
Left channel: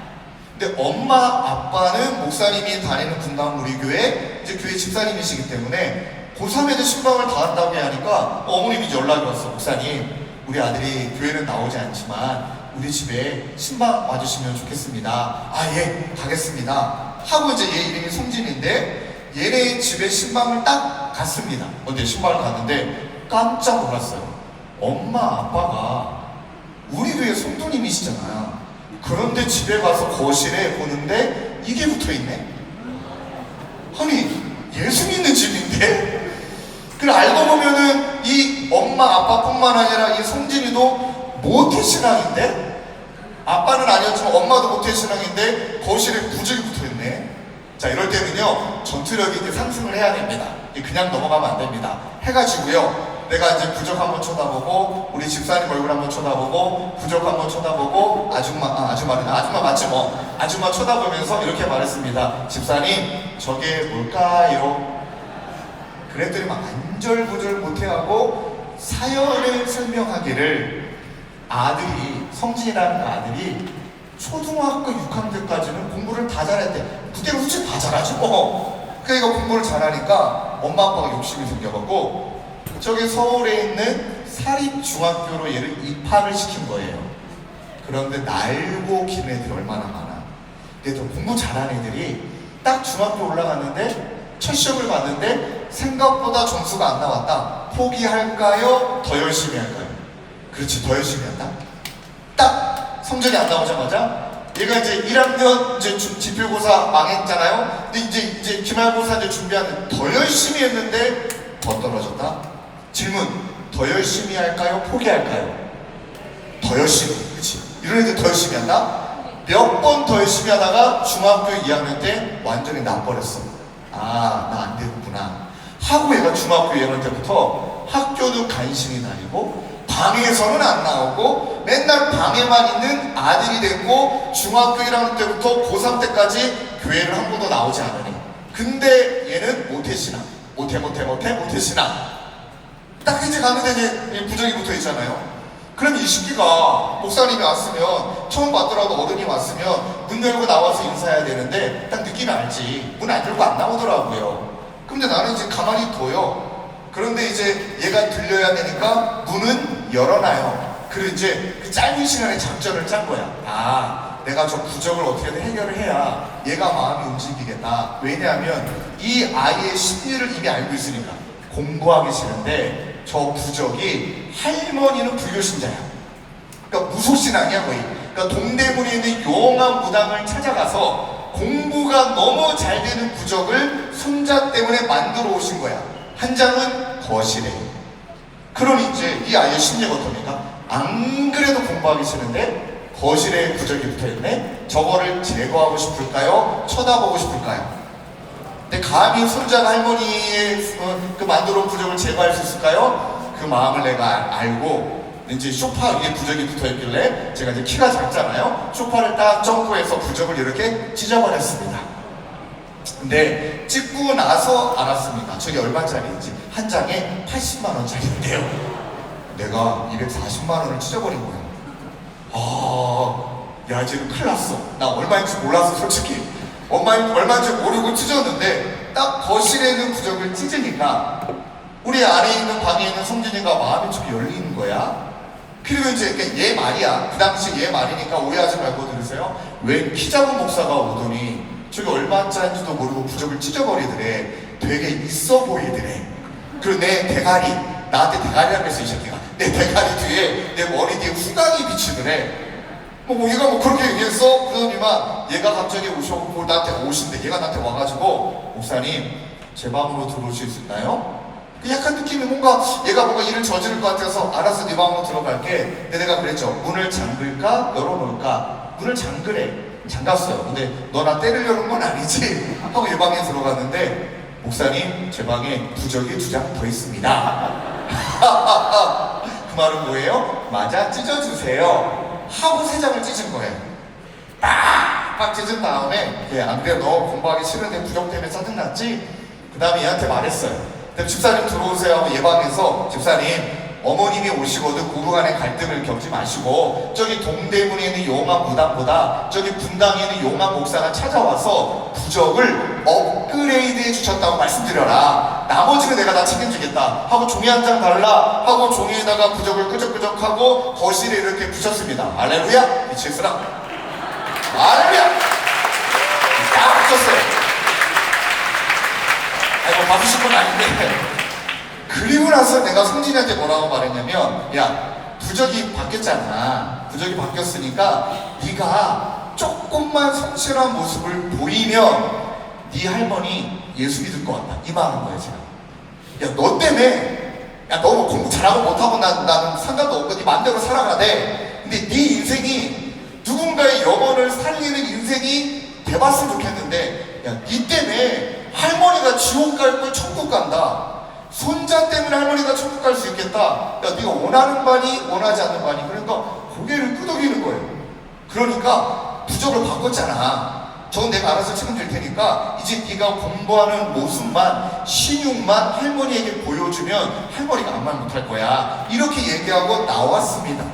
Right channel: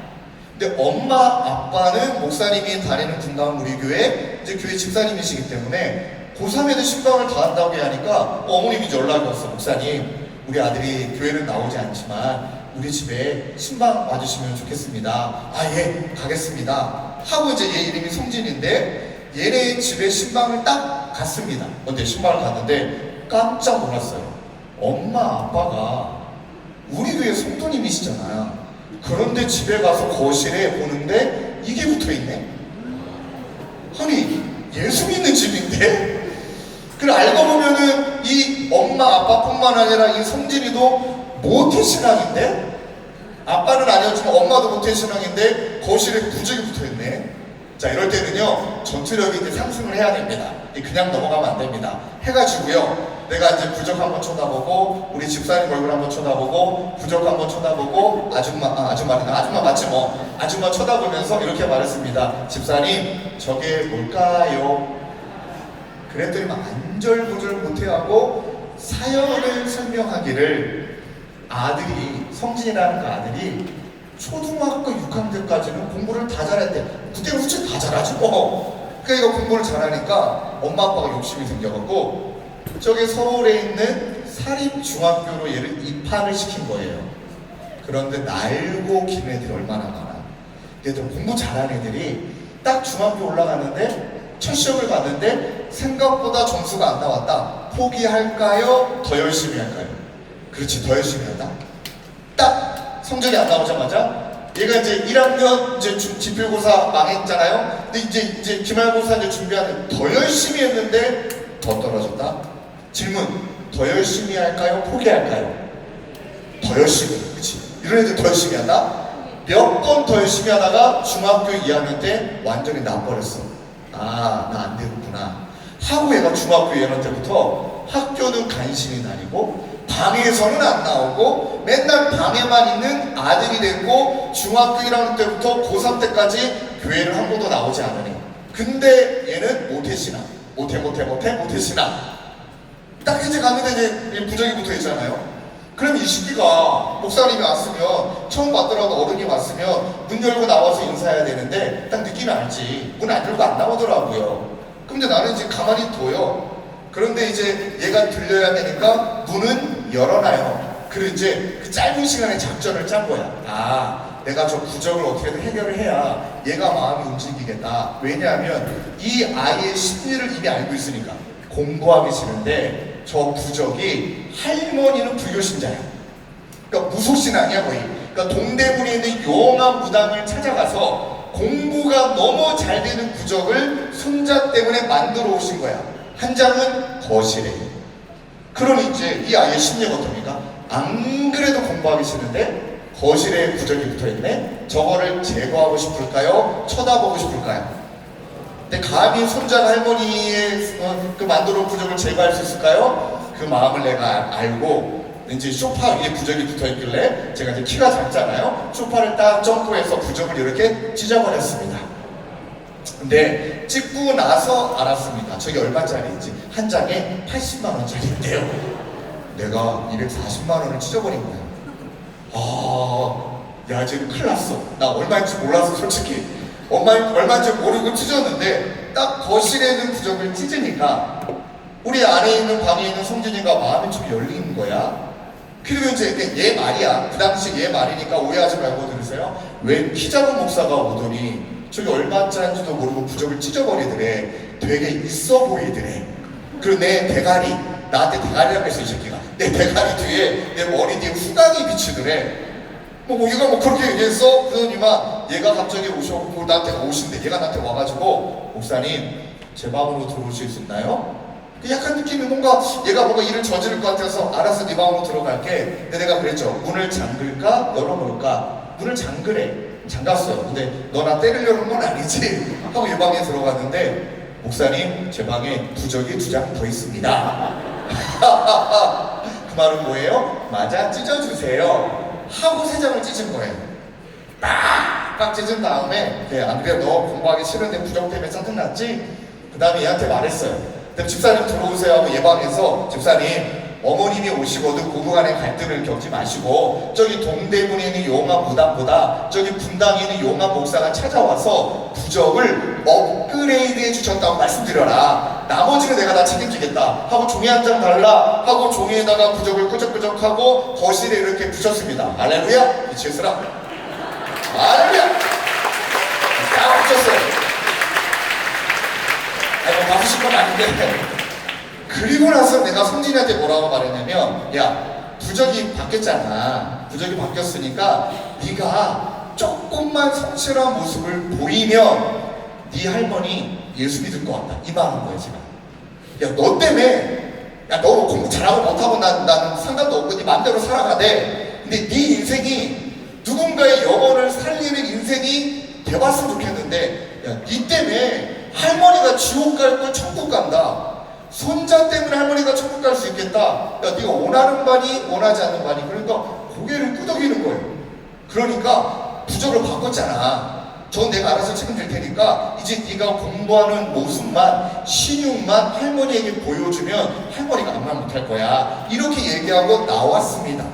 근데 엄마 아빠는 목사님이 다니는 분당 우리교회 이제 교회 집사님이시기 때문에 고3 애들 신방을 다 한다고 하니까 어머님이 연락이 왔어. 목사님, 우리 아들이 교회는 나오지 않지만 우리 집에 신방 와주시면 좋겠습니다. 아, 예, 가겠습니다. 하고 이제 얘 이름이 송진인데 얘네 집에 신방을 딱 갔습니다. 근데 신방을 갔는데 깜짝 놀랐어요. 엄마 아빠가 우리 교회 성도님이시잖아요. 그런데 집에 가서 거실에 보는데 이게 붙어있네. 아니 예수 믿는 집인데? 그걸 알고 보면은 이 엄마 아빠뿐만 아니라 이 성진이도 모태신앙인데? 아빠는 아니었지만 엄마도 모태신앙인데 거실에 부적이 붙어있네. 자, 이럴 때는요 전투력이 이제 상승을 해야 됩니다. 그냥 넘어가면 안 됩니다. 해가지고요 내가 이제 부적 한번 쳐다보고 우리 집사님 얼굴 한번 쳐다보고 부적 한번 쳐다보고 아줌마 맞지 뭐 아줌마 쳐다보면서 이렇게 말했습니다. 집사님 저게 뭘까요? 그랬더니 막 안절부절 못해하고 사연을 설명하기를 아들이 성진이라는 그 아들이 초등학교 6학년까지는 공부를 다 잘했대. 그때 솔직히 다 잘하지 뭐. 그러니까 공부를 잘하니까 엄마 아빠가 욕심이 생겨갖고 저기 서울에 있는 사립중학교로 얘를 입학을 시킨 거예요. 그런데 날고 긴 애들이 얼마나 많아. 근데 좀 공부 잘하는 애들이 딱 중학교 올라갔는데 첫 시험을 봤는데 생각보다 점수가 안 나왔다. 포기할까요? 더 열심히 할까요? 그렇지, 더 열심히 한다. 딱 성적이 안 나오자마자 얘가 이제 1학년 이제 지필고사 망했잖아요. 근데 이제 기말고사 이제 준비하는데 더 열심히 했는데 더 떨어졌다. 질문, 더 열심히 할까요? 포기할까요? 더 열심히. 그치? 이런 애들 더 열심히 한다? 몇 번 더 열심히 하다가 중학교 2학년 때 완전히 나버렸어. 아, 나 안 되겠구나 하고 얘가 중학교 2학년 때부터 학교도 간신히 다니고 방에서는 안 나오고 맨날 방에만 있는 아들이 됐고 중학교 1학년 때부터 고3 때까지 교회를 한 번도 나오지 않으니. 근데 얘는 모태신앙. 모태신앙. 딱 이제 갔는데 이제 부적이 붙어 있잖아요. 그럼 이 시기가 목사님이 왔으면 처음 봤더라도 어른이 왔으면 문 열고 나와서 인사해야 되는데 딱 느낌이 알지. 문 안 열고 안 나오더라고요. 근데 나는 이제 가만히 둬요. 그런데 이제 얘가 들려야 되니까 문은 열어놔요. 그리고 이제 그 짧은 시간에 작전을 짠 거야. 아, 내가 저 부적을 어떻게든 해결을 해야 얘가 마음이 움직이겠다. 왜냐하면 이 아이의 심리를 이미 알고 있으니까. 공부하기 싫은데 저 부적이 할머니는 불교신자야. 그러니까 무속신앙이야 거의. 그러니까 동대문에 있는 용한 무당을 찾아가서 공부가 너무 잘 되는 부적을 손자 때문에 만들어 오신 거야. 한 장은 거실에. 그러니 이제 이 아이의 심리가 어떠니까 안 그래도 공부하기 싫은데 거실에 부적이 붙어있네. 저거를 제거하고 싶을까요? 쳐다보고 싶을까요? 근데 감히 손자가 할머니의 그 만들어 온 부적을 제거할 수 있을까요? 그 마음을 내가 알고 이제 소파 위에 부적이 붙어있길래 제가 이제 키가 작잖아요. 소파를 딱 점프해서 부적을 이렇게 찢어버렸습니다. 근데 찍고 나서 알았습니다. 저게 얼마짜리인지. 한 장에 80만 원짜리인데요. 내가 240만 원을 찢어버린 거야. 야 지금 큰일 났어. 나 얼마인지 몰라서 솔직히 얼마인지 모르고 찢었는데 딱 거실에 있는 부적을 찢으니까 우리 안에 있는 방에 있는 성진이가 마음이 좀 열리는 거야. 그리고 이제 얘 말이야. 그 당시 얘 말이니까 오해하지 말고 들으세요. 웬 키 작은 목사가 오더니 저기 얼마짜리인지도 모르고 부적을 찢어버리더래. 되게 있어 보이더래. 그리고 내 대가리, 나한테 대가리라고 했어 이 새끼가. 내 대가리 뒤에, 내 머리 뒤에 후광이 비치더래. 얘가 그렇게 얘기했어. 그러더니만 얘가 갑자기 오셔갖고 나한테 오신대. 얘가 나한테 와가지고 목사님 제 마음으로 들어오실 수 있나요? 약간 느낌이 뭔가 얘가 뭔가 일을 저지를 것 같아서 알았어 네 마음으로 들어갈게. 근데 내가 그랬죠. 문을 잠글까 열어놓을까. 문을 잠갔어요. 근데 너 나 때리려는 건 아니지 하고 이 방에 들어갔는데 목사님 제 방에 부적이 2장 더 있습니다. 그 말은 뭐예요? 맞아 찢어주세요 하고 3장을 찢은 거예요. 빡 찢은 다음에 안 그래 너 공부하기 싫은데 부적 때문에 짜증났지? 그 다음에 얘한테 말했어요. 근데 집사님 들어오세요 하고 얘 방에서 집사님 어머님이 오시거든 고부간의 갈등을 겪지 마시고 저기 동대문에 있는 용한 무당보다 저기 분당에 있는 용한 목사가 찾아와서 부적을 업그레이드 해주셨다고 말씀드려라. 나머지는 내가 다 책임지겠다 하고 종이 한 장 달라 하고 종이에다가 부적을 끄적끄적하고 거실에 이렇게 붙였습니다. 할렐루야. 빛이 있으라. 할렐루야. 다 붙였어요. 이거 받으실 건 아닌데 그리고 나서 내가 성진이한테 뭐라고 말했냐면 야 부적이 바뀌었잖아. 부적이 바뀌었으니까 네가 조금만 성실한 모습을 보이면 네 할머니 예수 믿을 것 같다. 이 말하는 거예요, 제가. 야, 너 때문에, 야, 너 공부 잘하고 못하고 나는 상관도 없고 네 맘대로 살아가대. 근데 네 인생이 누군가의 영혼을 살리는 인생이 돼봤으면 좋겠는데, 야, 네 때문에 할머니가 지옥 갈 걸 천국 간다. 손자 때문에 할머니가 천국 갈 수 있겠다. 야, 네가 원하는 반이 원하지 않는 반이. 그러니까 고개를 끄덕이는 거예요. 그러니까 부적을 바꿨잖아. 저건 내가 알아서 책임질 테니까 이제 네가 공부하는 모습만, 신용만 할머니에게 보여주면 할머니가 아무 말 못할 거야. 이렇게 얘기하고 나왔습니다.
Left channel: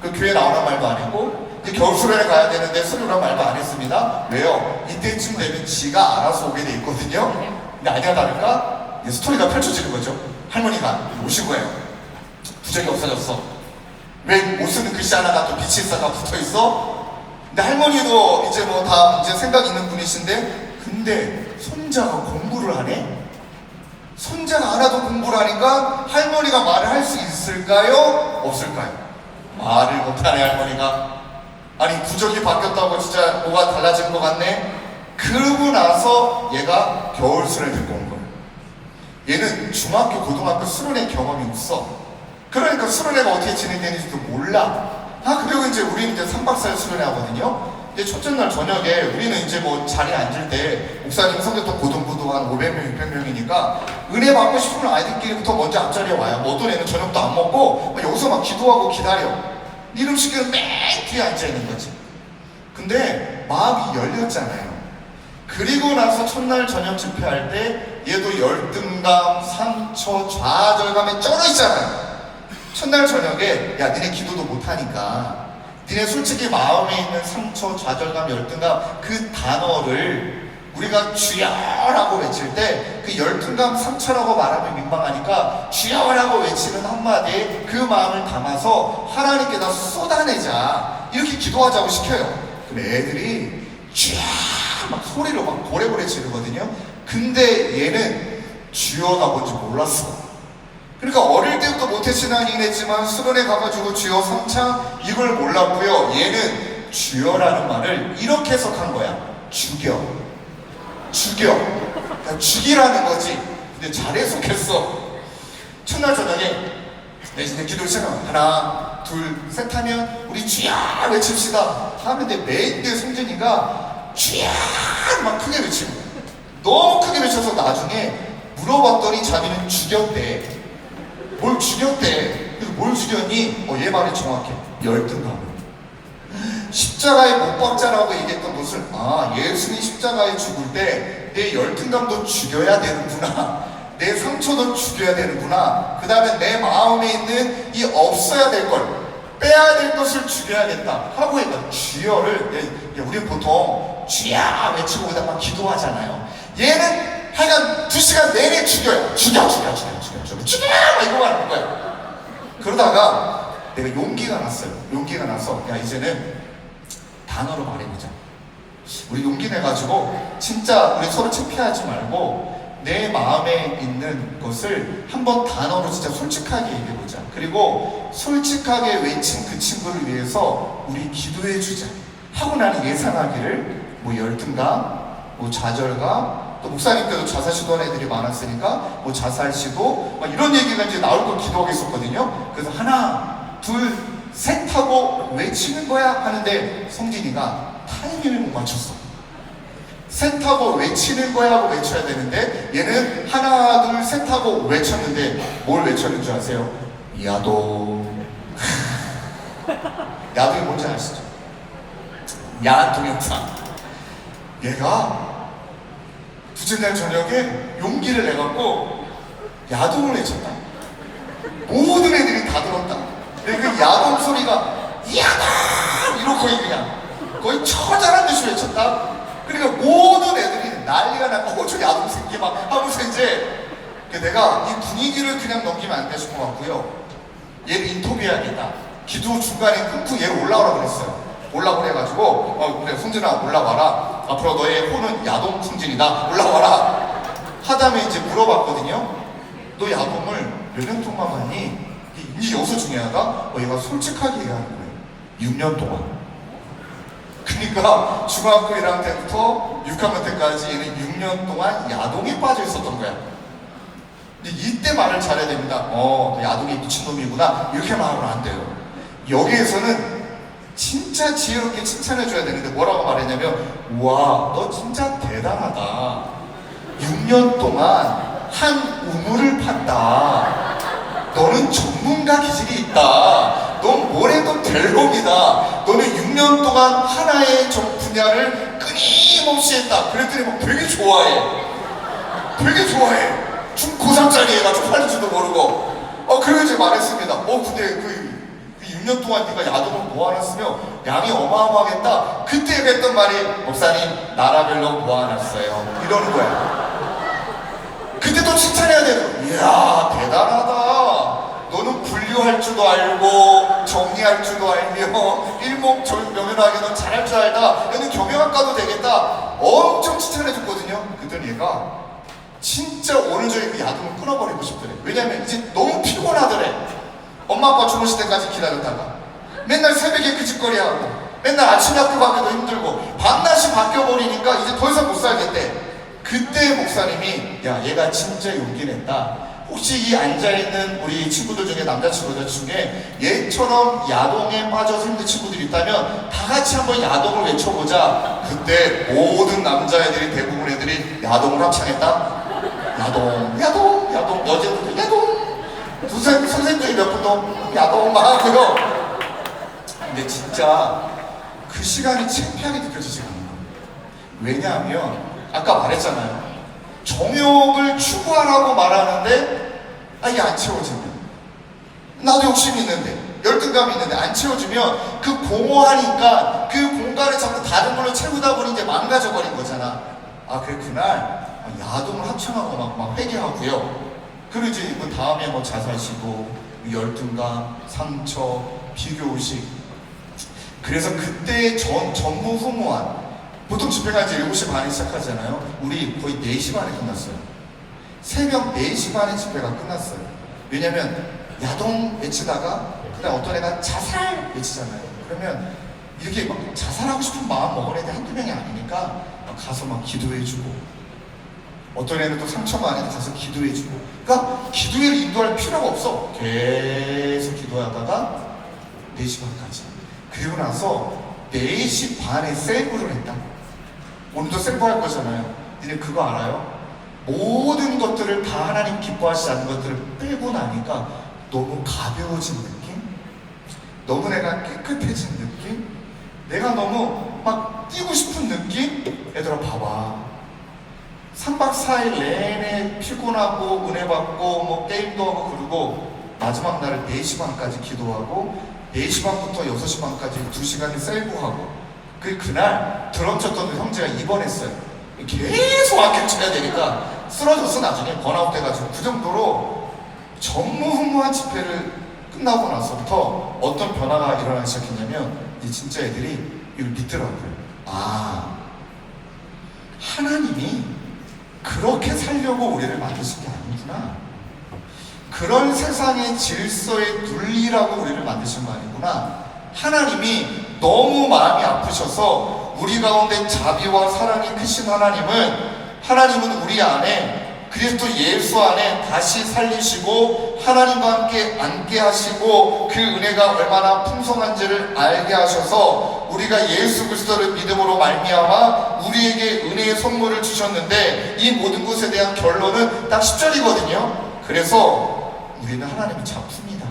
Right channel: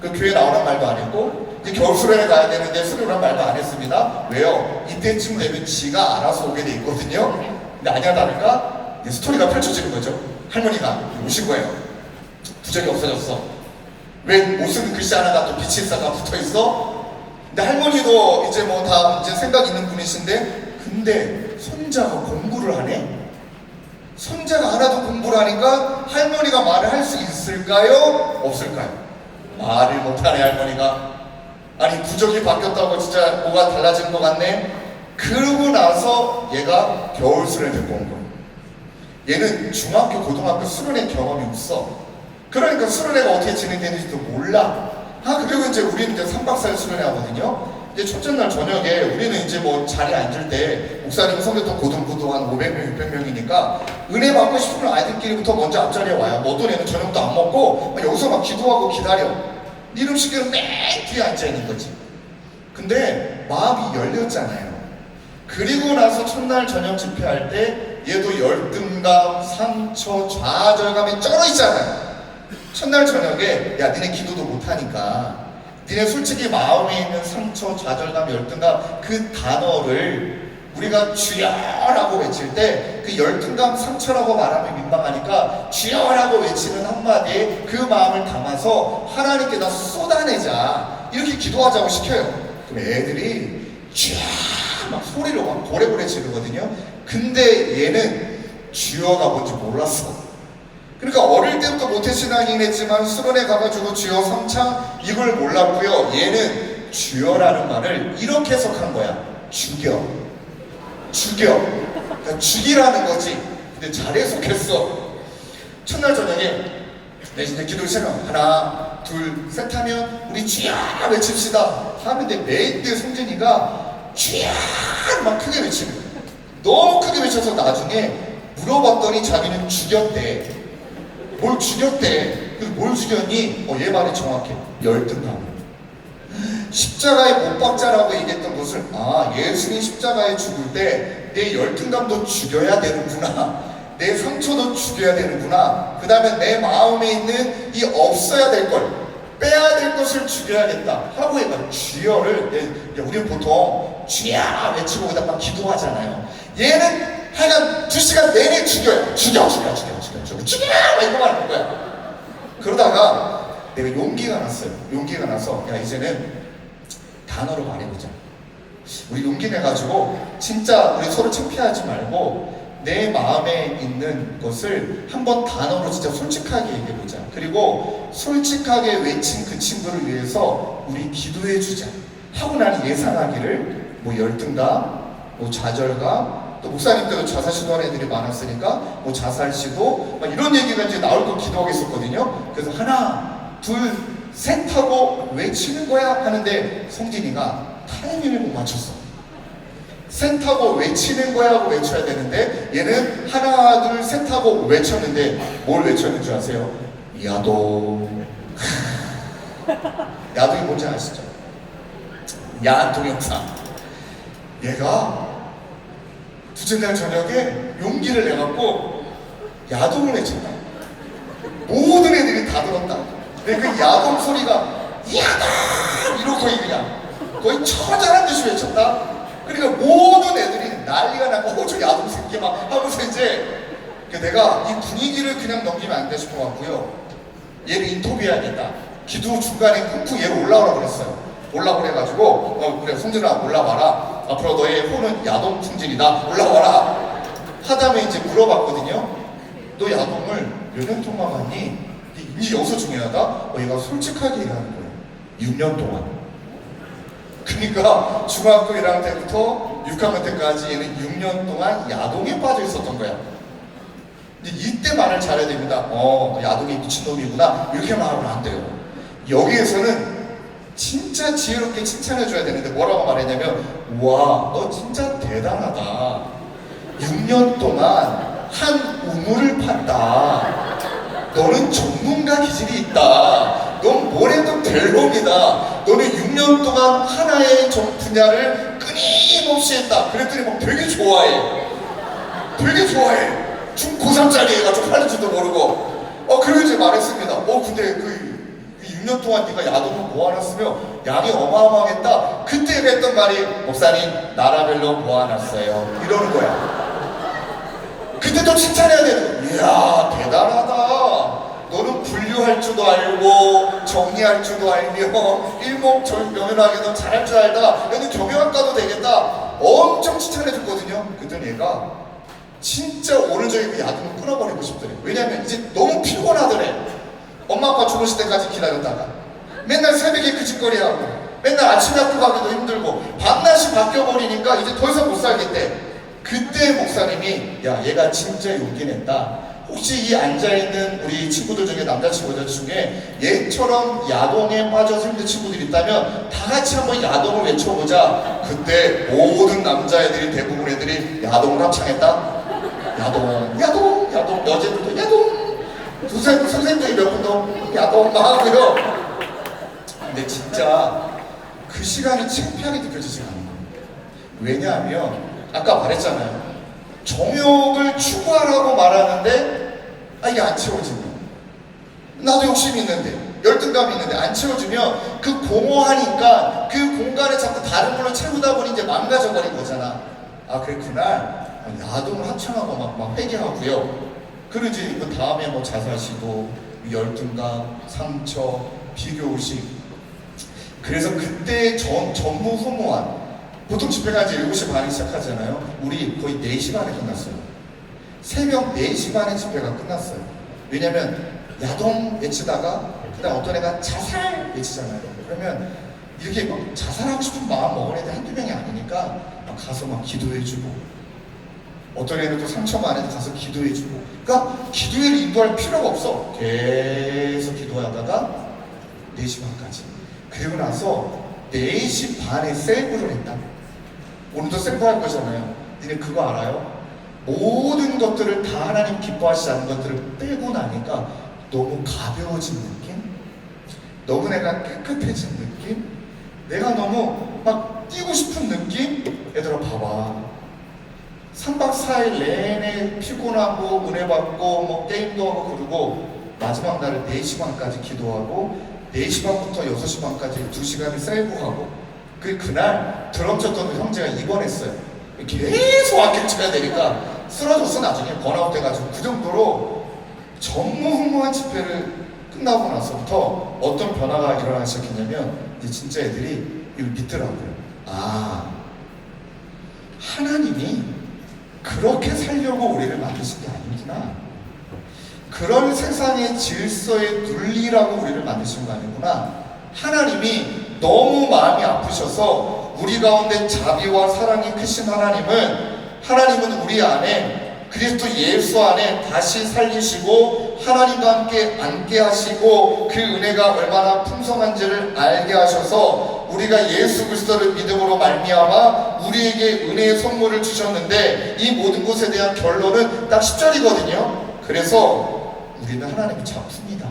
그 교회 나오란 말도 안 했고, 이제 겨울 수련회 가야 되는데 수련한 말도 안 했습니다. 왜요? 이때쯤 되면 지가 알아서 오게 돼 있거든요. 근데 아니야 다를까? 스토리가 펼쳐지는 거죠. 할머니가 오신 거예요. 부적이 없어졌어. 왜 못 쓰는 글씨 하나가 또 빛이 있어가 붙어 있어? 근데 할머니도 이제 뭐 다 이제 생각 있는 분이신데, 근데 손자가 공부를 하네? 손자가 하나도 공부를 하니까 할머니가 말을 할 수 있을까요? 없을까요? 말을 못하네, 할머니가. 아니, 부적이 바뀌었다고 진짜 뭐가 달라진 것 같네? 그러고 나서 얘가 겨울 수련회 듣고 온 거예요. 얘는 중학교, 고등학교 수련회 경험이 없어. 그러니까 수련회가 어떻게 진행되는지도 몰라. 그리고 이제 우리는 이제 3박 4일 수련회 하거든요. 이제 첫째 날 저녁에 우리는 이제 뭐 자리에 앉을 때 목사님 성교통 고등부도 한 500명, 600명이니까 은혜 받고 싶은 아이들끼리부터 먼저 앞자리에 와요. 뭐 어떤 애는 저녁도 안 먹고 여기서 막 기도하고 기다려. 이름 시키는 맨 뒤에 앉아 있는 거지. 근데 마음이 열렸잖아요. 그리고 나서 첫날 저녁 집회할 때 얘도 열등감, 상처, 좌절감에 쩔어 있잖아요. 첫날 저녁에 야, 니네 기도도 못하니까 니네 솔직히 마음에 있는 상처, 좌절감, 열등감 그 단어를 우리가 주여라고 외칠 때 그 열등감, 상처라고 말하면 민망하니까 주여라고 외치는 한마디에 그 마음을 담아서 하나님께다 쏟아내자, 이렇게 기도하자고 시켜요. 그럼 애들이 주여 막 소리로 막 고래고래 지르거든요. 근데 얘는 주여가 뭔지 몰랐어. 그러니까 어릴 때부터 모태신앙이긴 했지만 수련회 가가지고 주여 3차 이걸 몰랐고요. 얘는 주여라는 말을 이렇게 해석한 거야. 죽여. 그러니까 죽이라는 거지. 근데 잘 해석했어. 첫날 저녁에 내 진짜 기도 시작하면 하나 둘 셋 하면 우리 주여 외칩시다 하는데 매일 송진이가 주여 막 크게 외치는 거야. 너무 크게 외쳐서 나중에 물어봤더니 자기는 죽였대. 뭘 죽였대. 그래서 뭘 죽였니? 얘 말이 정확해. 열등감. 십자가에 못 박자라고 얘기했던 것을 예수님 십자가에 죽을 때 내 열등감도 죽여야 되는구나. 내 상처도 죽여야 되는구나. 그 다음에 내 마음에 있는 이 없어야 될 걸, 빼야 될 것을 죽여야겠다 하고 얘가 주여를, 우리는 보통 주여 외치고 그다음에 기도하잖아요. 얘는 하여간 2시간 내내 죽여 이거만 하는 거야. 그러다가 내가 용기가 났어요. 용기가 나서 야, 이제는 단어로 말해보자. 우리 용기 내가지고 진짜 우리 서로 창피하지 말고 내 마음에 있는 것을 한번 단어로 진짜 솔직하게 얘기해보자. 그리고 솔직하게 외친 그 친구를 위해서 우리 기도해주자 하고 나는 예상하기를 뭐 열등감, 뭐 좌절감, 또 목사님께도 자살 시도하는 애들이 많았으니까 뭐 자살 시도 막 이런 얘기가 이제 나올 걸 기도하고 있었거든요. 그래서 하나 둘 셋 하고 외치는 거야 하는데 성진이가 타이밍을 못 맞췄어. 셋 하고 외치는 거야 하고 외쳐야 되는데 얘는 하나 둘 셋 하고 외쳤는데 뭘 외쳤는 줄 아세요? 야동. 야동이 뭔지 아시죠? 야한 동영상. 얘가 둘째 날 저녁에 용기를 내갖고 야동을 외쳤다. 모든 애들이 다 들었다. 근데 그 야동 소리가 야동! 이러고 그냥 거의 처절한 듯이 외쳤다. 그러니까 모든 애들이 난리가 나고 저 야동 새끼 막 하고서 이제 내가 이 분위기를 그냥 넘기면 안 돼 싶어 갖고요. 얘를 인터뷰해야겠다. 기도 중간에 쿵쿵 얘를 올라오라고 그랬어요. 올라오라 해가지고 그래 성진아 올라와라. 앞으로 너의 호는 야동 성진이다. 올라와라. 하다음에 이제 물어봤거든요. 너 야동을 몇 년 동안 봤니? 이제 여기서 중요하다. 얘가 솔직하게 얘기하는 거예요. 6년 동안. 그러니까 중학교 1학년 때부터 6학년 때까지 얘는 6년 동안 야동에 빠져 있었던 거야. 이때 말을 잘해야 됩니다. 너 야동이 미친놈이구나. 이렇게 말하면 안 돼요. 여기에서는 진짜 지혜롭게 칭찬해줘야 되는데 뭐라고 말했냐면, 와, 너 진짜 대단하다. 6년 동안 한 우물을 판다. 너는 전문가 기질이 있다. 넌 뭘 해도 될 놈이다. 너는 6년 동안 하나의 분야를 끊임없이 했다. 그랬더니 막 되게 좋아해. 되게 좋아해. 중3짜리 애가 쪽팔릴지도 모르고. 그러고 이제 말했습니다. 근데 그 6년 동안 네가 야동을 모아놨으며 양이 어마어마하겠다. 그때 했던 말이, 목사님 나라별로 모아놨어요. 이러는 거야. 그때 또 칭찬해야 되는 거야. 이야, 대단하다. 너는 분류할 줄도 알고 정리할 줄도 알며 일목요연하게 넌 잘할 줄 알다. 너는 경영학과도 되겠다. 엄청 칭찬해줬거든요. 그랬더니 얘가 진짜 오늘 저희 그 야동을 끊어버리고 싶더래. 왜냐면 이제 너무 피곤하더래. 엄마 아빠 주무실 때까지 기다렸다가 맨날 새벽에 그 짓거리하고 맨날 아침 학교 가기도 힘들고 밤낮이 바뀌어버리니까 이제 더 이상 못 살겠대. 그때 목사님이, 야, 얘가 진짜 용기 냈다. 혹시 이 앉아있는 우리 친구들 중에, 남자친구들 중에 얘처럼 야동에 빠져서 힘든 친구들이 있다면 다 같이 한번 야동을 외쳐보자. 그때 모든 남자애들이, 대부분 애들이 야동을 합창했다. 야동, 야동, 야동. 여자들도 야동. 선생님들이 몇 분도 야동 막 하고요. 근데 진짜 그 시간이 창피하게 느껴지지 않는 거예요. 왜냐하면 아까 말했잖아요. 정욕을 추구하라고 말하는데 이게 안 채워지면, 나도 욕심이 있는데 열등감이 있는데 안 채워지면 그 공허하니까 그 공간에 자꾸 다른 걸로 채우다 보니 이제 망가져 버린 거잖아. 그래 그날 야동을 합창하고 막 회개하고요. 그리고 이제 그 다음에 뭐 자살시도, 열등감, 상처, 비교의식. 그래서 그때 전무후무한, 보통 집회가 이제 7시 반에 시작하잖아요. 우리 거의 4시 반에 끝났어요. 새벽 4시 반에 집회가 끝났어요. 왜냐면 야동 외치다가 그다음 어떤 애가 자살 외치잖아요. 그러면 이렇게 막 자살하고 싶은 마음 먹은 애들 한두 명이 아니니까 가서 막 기도해주고, 어떤 애는 또 상처 많은 애 가서 기도해주고. 그러니까 기도회를 인도할 필요가 없어. 계속 기도하다가 4시 반까지. 그리고 나서 4시 반에 셀프를 했다. 오늘도 셀프 할 거잖아요. 니네 그거 알아요? 모든 것들을 다 하나님 기뻐하시지 않는 것들을 빼고 나니까 너무 가벼워진 느낌? 너무 내가 깨끗해진 느낌? 내가 너무 막 뛰고 싶은 느낌? 얘들아 봐봐. 3박 4일 내내 피곤하고 은혜 받고 뭐 게임도 하고 그러고 마지막 날을 4시 반까지 기도하고 4시 반부터 6시 반까지 2시간을 셀프하고 그날 드럼 쳤던 형제가 입원했어요. 계속 악기를 쳐야 되니까 쓰러졌어. 나중에 번아웃 돼가지고. 그 정도로 전무후무한 집회를 끝나고 나서부터 어떤 변화가 일어나기 시작했냐면 이제 진짜 애들이 이걸 믿더라고요. 하나님이 그렇게 살려고 우리를 만드신 게 아니구나. 그런 세상의 질서의 논리라고 우리를 만드신 거 아니구나. 하나님이 너무 마음이 아프셔서 우리 가운데 자비와 사랑이 크신 하나님은 우리 안에 그리스도 예수 안에 다시 살리시고 하나님과 함께 앉게 하시고 그 은혜가 얼마나 풍성한지를 알게 하셔서 우리가 예수 그리스도를 믿음으로 말미암아 우리에게 은혜의 선물을 주셨는데, 이 모든 것에 대한 결론은 딱 10절이거든요. 그래서 우리는 하나님의 작품이다.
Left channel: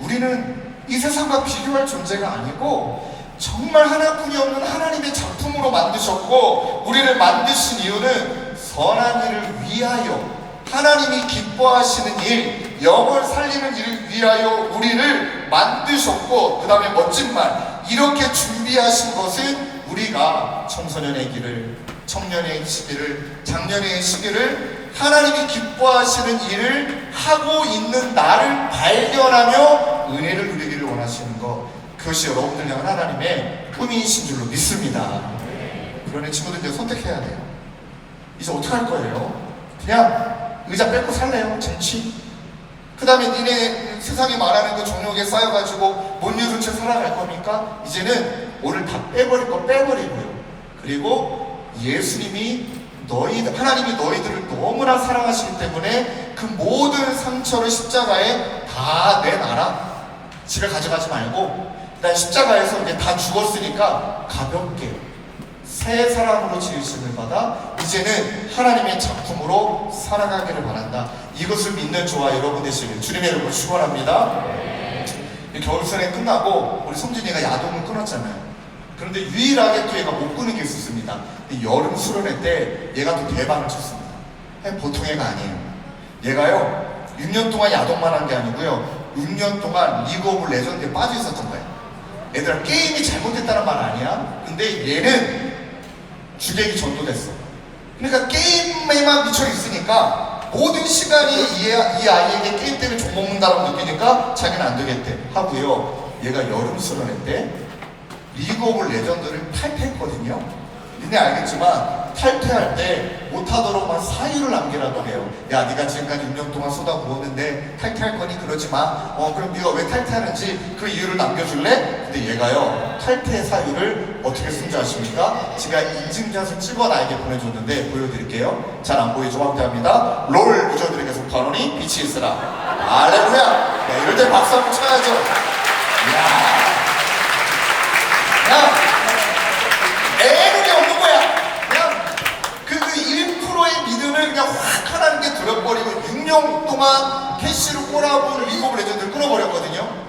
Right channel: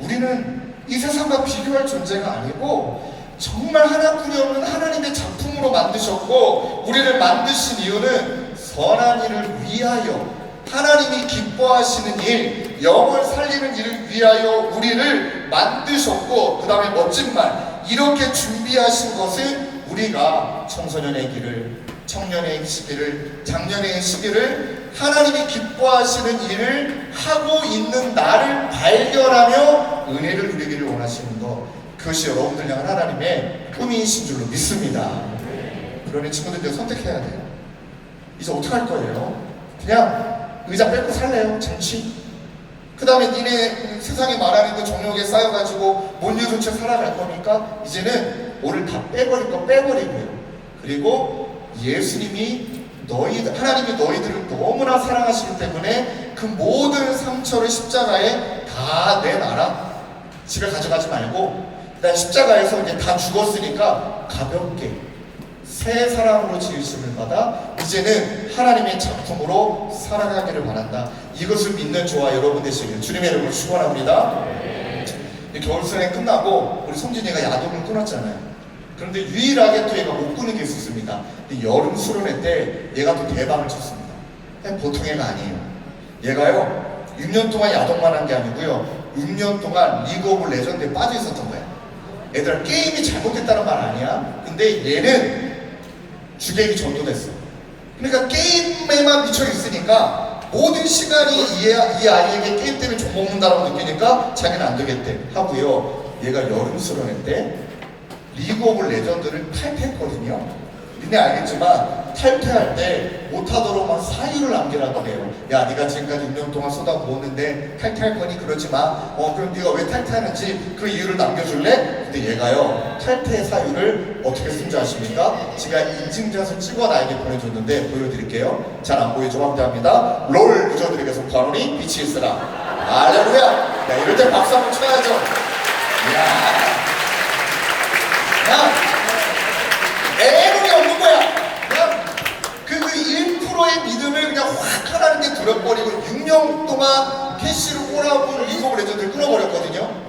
우리는 이 세상과 비교할 존재가 아니고 정말 하나뿐이 없는 하나님의 작품으로 만드셨고, 우리를 만드신 이유는 선한 일을 위하여, 하나님이 기뻐하시는 일, 영을 살리는 일을 위하여 우리를 만드셨고, 그 다음에 멋진 말, 이렇게 준비하신 것은 우리가 청소년의 길을, 청년의 시기를, 장년의 시기를 하나님이 기뻐하시는 일을 하고 있는 나를 발견하며 은혜를 누리기를 원하시는 것, 그것이 여러분들 향한 하나님의 꿈이신 줄로 믿습니다. 그러니 친구들 이제 선택해야 돼요. 이제 어떻게 할 거예요? 그냥 의자 뺏고 살래요? 쟁취? 그 다음에 니네 세상에 말하는 그 정욕에 쌓여가지고 못 이룬 채 살아갈 겁니까? 이제는 오늘 다 빼버릴 거 빼버리고요. 그리고 예수님이 하나님이 너희들을 너무나 사랑하시기 때문에 그 모든 상처를 십자가에 다 내놔라. 집에 가져가지 말고 일단 십자가에서 이제 다 죽었으니까 가볍게 새 사람으로 지으심을 받아 이제는 하나님의 작품으로 살아가기를 바란다. 이것을 믿는 저와 여러분 되시길 주님의 이름으로 축원합니다. 겨울수련 끝나고 우리 성진이가 야동을 끊었잖아요. 그런데 유일하게 또 얘가 못 끊은 게 있었습니다. 여름 수련회 때 얘가 또 대박을 쳤습니다. 보통 애가 아니에요. 얘가요 6년 동안 야동만 한 게 아니고요 6년 동안 리그 오브 레전드에 빠져 있었던 거예요. 얘들아 게임이 잘못됐다는 말 아니야. 근데 얘는 주객이 전도됐어. 그러니까 게임에만 미쳐 있으니까 모든 시간이 이 아이에게 게임 때문에 욕먹는다라고 느끼니까 자기는 안 되겠대 하고요. 얘가 여름 수련회 때 리그 오브 레전드를 탈퇴했거든요. 니네 알겠지만 탈퇴할 때 못하도록 막 사유를 남기라고 해요. 야 네가 지금까지 6년 동안 쏟아부었는데 탈퇴할 거니 그러지 마. 그럼 네가 왜 탈퇴하는지 그 이유를 남겨줄래? 근데 얘가요 탈퇴 사유를 어떻게 쓴지 아십니까? 제가 인증샷을 찍어 나에게 보내줬는데 보여드릴게요. 잘 안 보이죠? 확대합니다. 롤 유저들에게 속하노니 빛이 있으라. 할렐루야. 야 이럴 때 박수 한번 쳐야죠. 야 애들이 없는 거야. 그냥 그 1%의 믿음을 그냥 확 하나님께 들어버리고 6년 동안 캐시로 꼬라본 리그 오브 레전드를 끊어버렸거든요.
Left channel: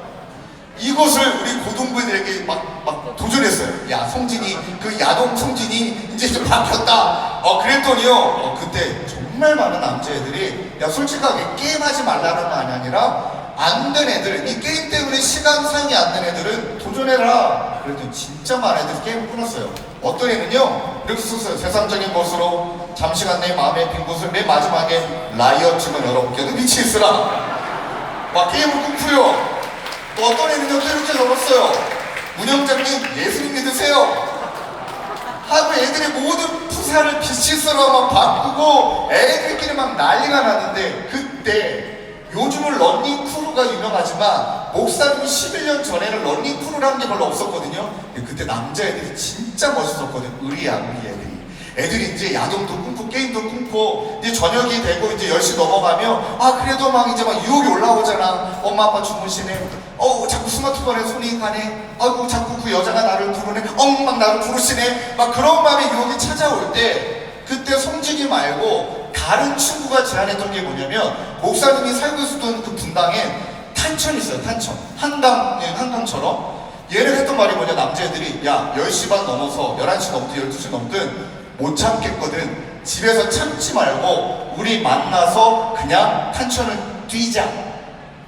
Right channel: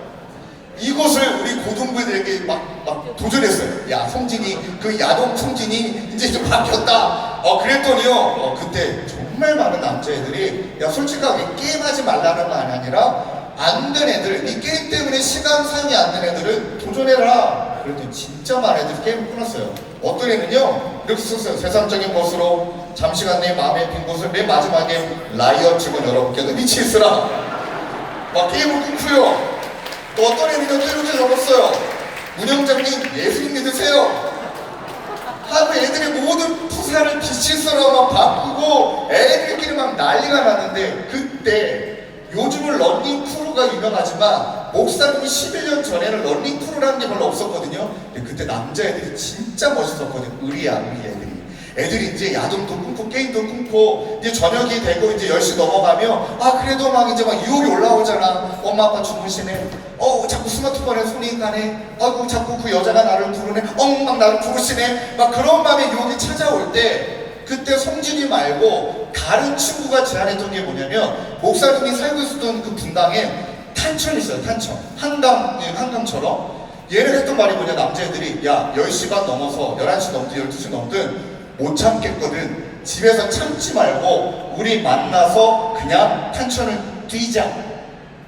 이것을 우리 고등부들에게 막 도전했어요. 야 성진이 그 야동 성진이 이제 좀 바뀌었다. 그랬더니요 그때 정말 많은 남자애들이 야 솔직하게 게임하지 말라는 말이 아니라 안 된 애들, 이 게임 때문에 시간 사용이 안 된 애들은 도전해라. 그랬더니 진짜 많은 애들이 게임을 끊었어요. 어떤 애는요 이렇게 썼어요. 세상적인 것으로 잠시간 내 마음의 빈 곳을 맨 마지막에 라이엇집은 여러분께도 빛이 있으라. 막 게임을 끊고요. 또 어떤 애는요 또 이렇게 적었어요. 운영장님 예수님 믿으세요. 하고 애들의 모든 푸사를 빛이 있으라 막 바꾸고 애들끼리 막 난리가 났는데 그때 요즘은 런닝크루가 유명하지만 목사님이 11년 전에는 런닝크루라는 게 별로 없었거든요. 그때 남자애들이 진짜 멋있었거든요. 의리야 우리 애들이 이제 야동도 끊고 게임도 끊고 이제 저녁이 되고 이제 10시 넘어가면 그래도 막 이제 막 유혹이 올라오잖아. 엄마 아빠 주무시네. 자꾸 스마트폰에 손이 가네. 아이고 자꾸 그 여자가 나를 부르네. 막 나를 부르시네. 막 그런 마음의 유혹이 찾아올 때 그때 성진이 말고 다른 친구가 제안했던 게 뭐냐면 목사님이 살고 있었던 그 분당에 탄천이 있어요. 탄천 한강처럼 얘를 했던 말이 뭐냐. 남자애들이 야 10시 반 넘어서 11시 넘든 12시 넘든 못 참겠거든. 집에서 참지 말고 우리 만나서 그냥 탄천을 뛰자.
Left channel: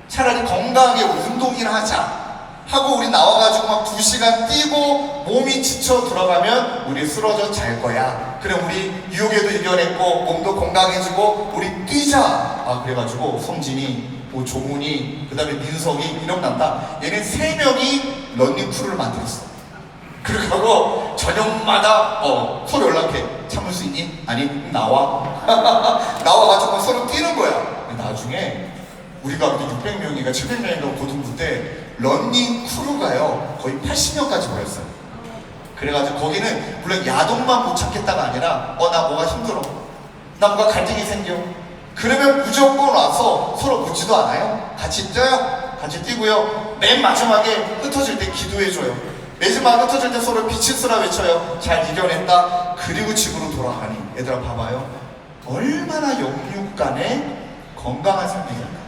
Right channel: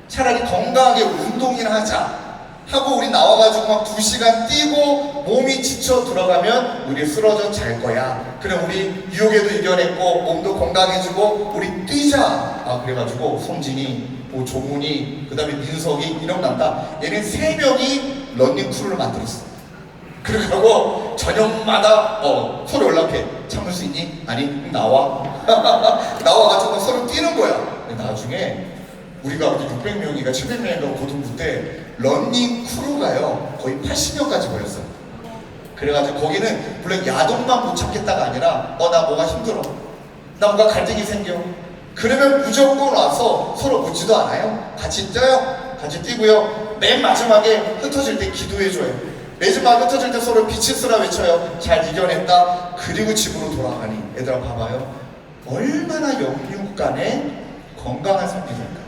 차라리 건강하게 운동이나 하자 하고 우리 나와가지고 막 2시간 뛰고 몸이 지쳐 들어가면 우리 쓰러져 잘 거야. 그래 우리 유혹에도 이겨냈고 몸도 건강해지고 우리 뛰자. 그래가지고 성진이 조문이 그 다음에 민석이 이런 난다. 얘는 3명이 런닝크루를 만들었어. 그러고 저녁마다 서로 연락해. 참을 수 있니? 아니 나와. 나와가지고 서로 뛰는 거야. 나중에 우리가 600명인가 700명인가 고등부 때 런닝 크루가요 거의 80명까지 모였어요. 그래가지고 거기는 물론 야동만 못 참겠다가 아니라 나 뭐가 힘들어, 나 뭔가 갈등이 생겨, 그러면 무조건 와서 서로 묻지도 않아요. 같이 뛰어요. 같이 뛰고요. 맨 마지막에 흩어질 때 기도해줘요. 마지막 흩어질 때 서로 빛이 쓰라 외쳐요. 잘 이겨냈다. 그리고 집으로 돌아가니 얘들아 봐봐요. 얼마나 영육 간에 건강한 삶이냐.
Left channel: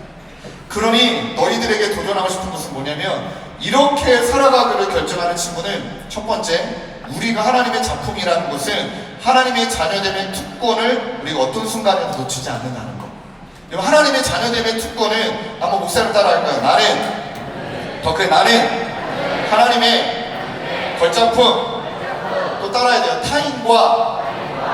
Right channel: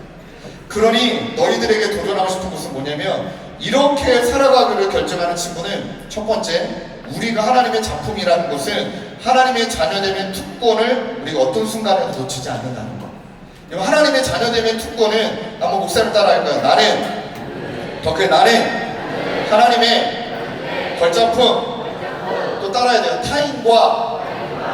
그러니 너희들에게 도전하고 싶은 것은 뭐냐면 이렇게 살아가기를 결정하는 친구는 첫 번째, 우리가 하나님의 작품이라는 것은 하나님의 자녀됨의 특권을 우리가 어떤 순간에도 놓치지 않는다는 거. 하나님의 자녀됨의 특권은 한번 목사님 따라 할 거예요. 나는 나는 하나님의 걸작품. 또 따라야 돼요. 타인과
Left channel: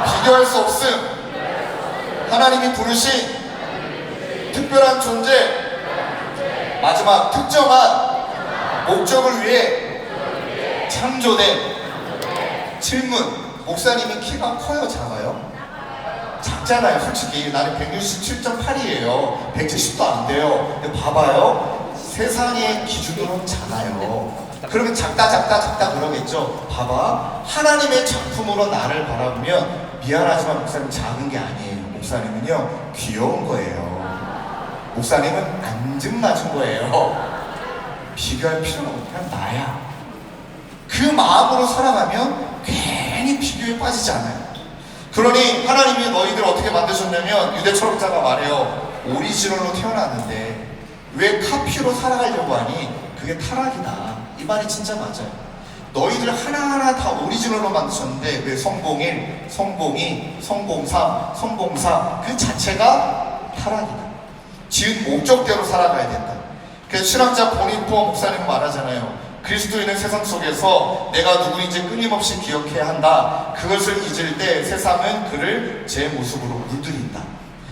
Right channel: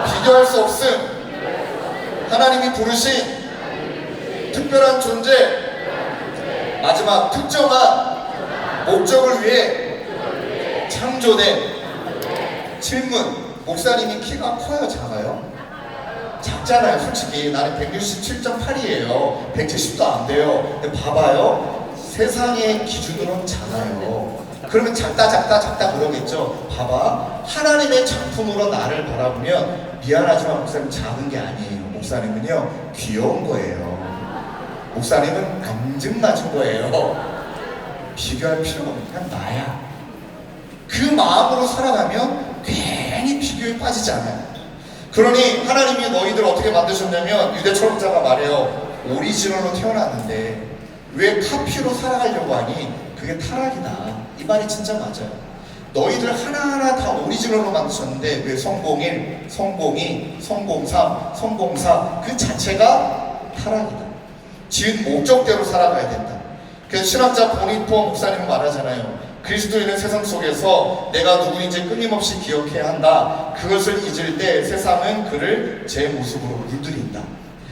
비교할 수 없음. 하나님이 부르신 특별한 존재. 마지막 특정한 목적을 위해 창조된. 질문: 목사님이 키가 커요? 작아요? 작죠. 작잖아요. 솔직히 나는 167.8이에요. 170도 안 돼요. 근데 봐봐요. 세상의 기준으로는 작아요. 그러면 작다 그러겠죠. 봐봐. 하나님의 작품으로 나를 바라보면 미안하지만 목사님 작은 게 아니에요. 목사님은요 귀여운 거예요. 목사님은 앙증맞은 거예요. 비교할 필요가 없고 그냥 나야. 그 마음으로 살아가면 괜히 비교에 빠지지 않아요. 그러니 하나님이 너희들 어떻게 만드셨냐면 유대 철학자가 말해요. 오리지널로 태어났는데 왜 카피로 살아가려고 하니? 그게 타락이다. 이 말이 진짜 맞아요. 너희들 하나하나 다 오리지널로 만드셨는데 왜 성공1, 성공2, 성공3, 성공4 그 자체가 타락이다. 지은 목적대로 살아가야 된다. 그래서 신학자 보니포 목사님 말하잖아요. 그리스도인은 세상 속에서 내가 누구인지 끊임없이 기억해야 한다. 그것을 잊을 때 세상은 그를 제 모습으로 물들인다.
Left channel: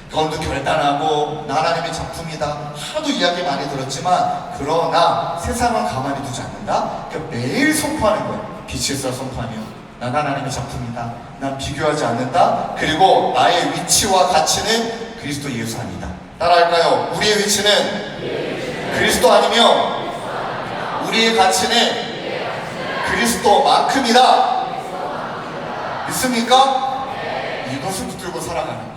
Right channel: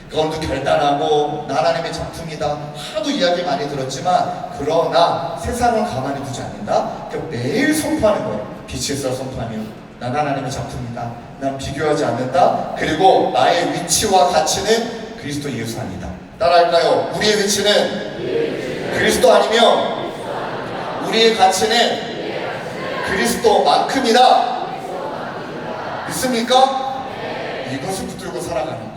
그건도 결단하고 나 하나님의 작품이다. 하도 이야기 많이 들었지만 그러나 세상은 가만히 두지 않는다. 그러니까 매일 선포하는 거예요. 빛에서 선포하며 난 하나님의 작품이다. 난 비교하지 않는다. 그리고 나의 위치와 가치는 그리스도 예수 아니다. 따라할까요? 우리의 위치는 그리스도 아니며 우리의 가치는 그리스도만큼이다. 믿습니까? 이것을 붙들고 살아가는 것.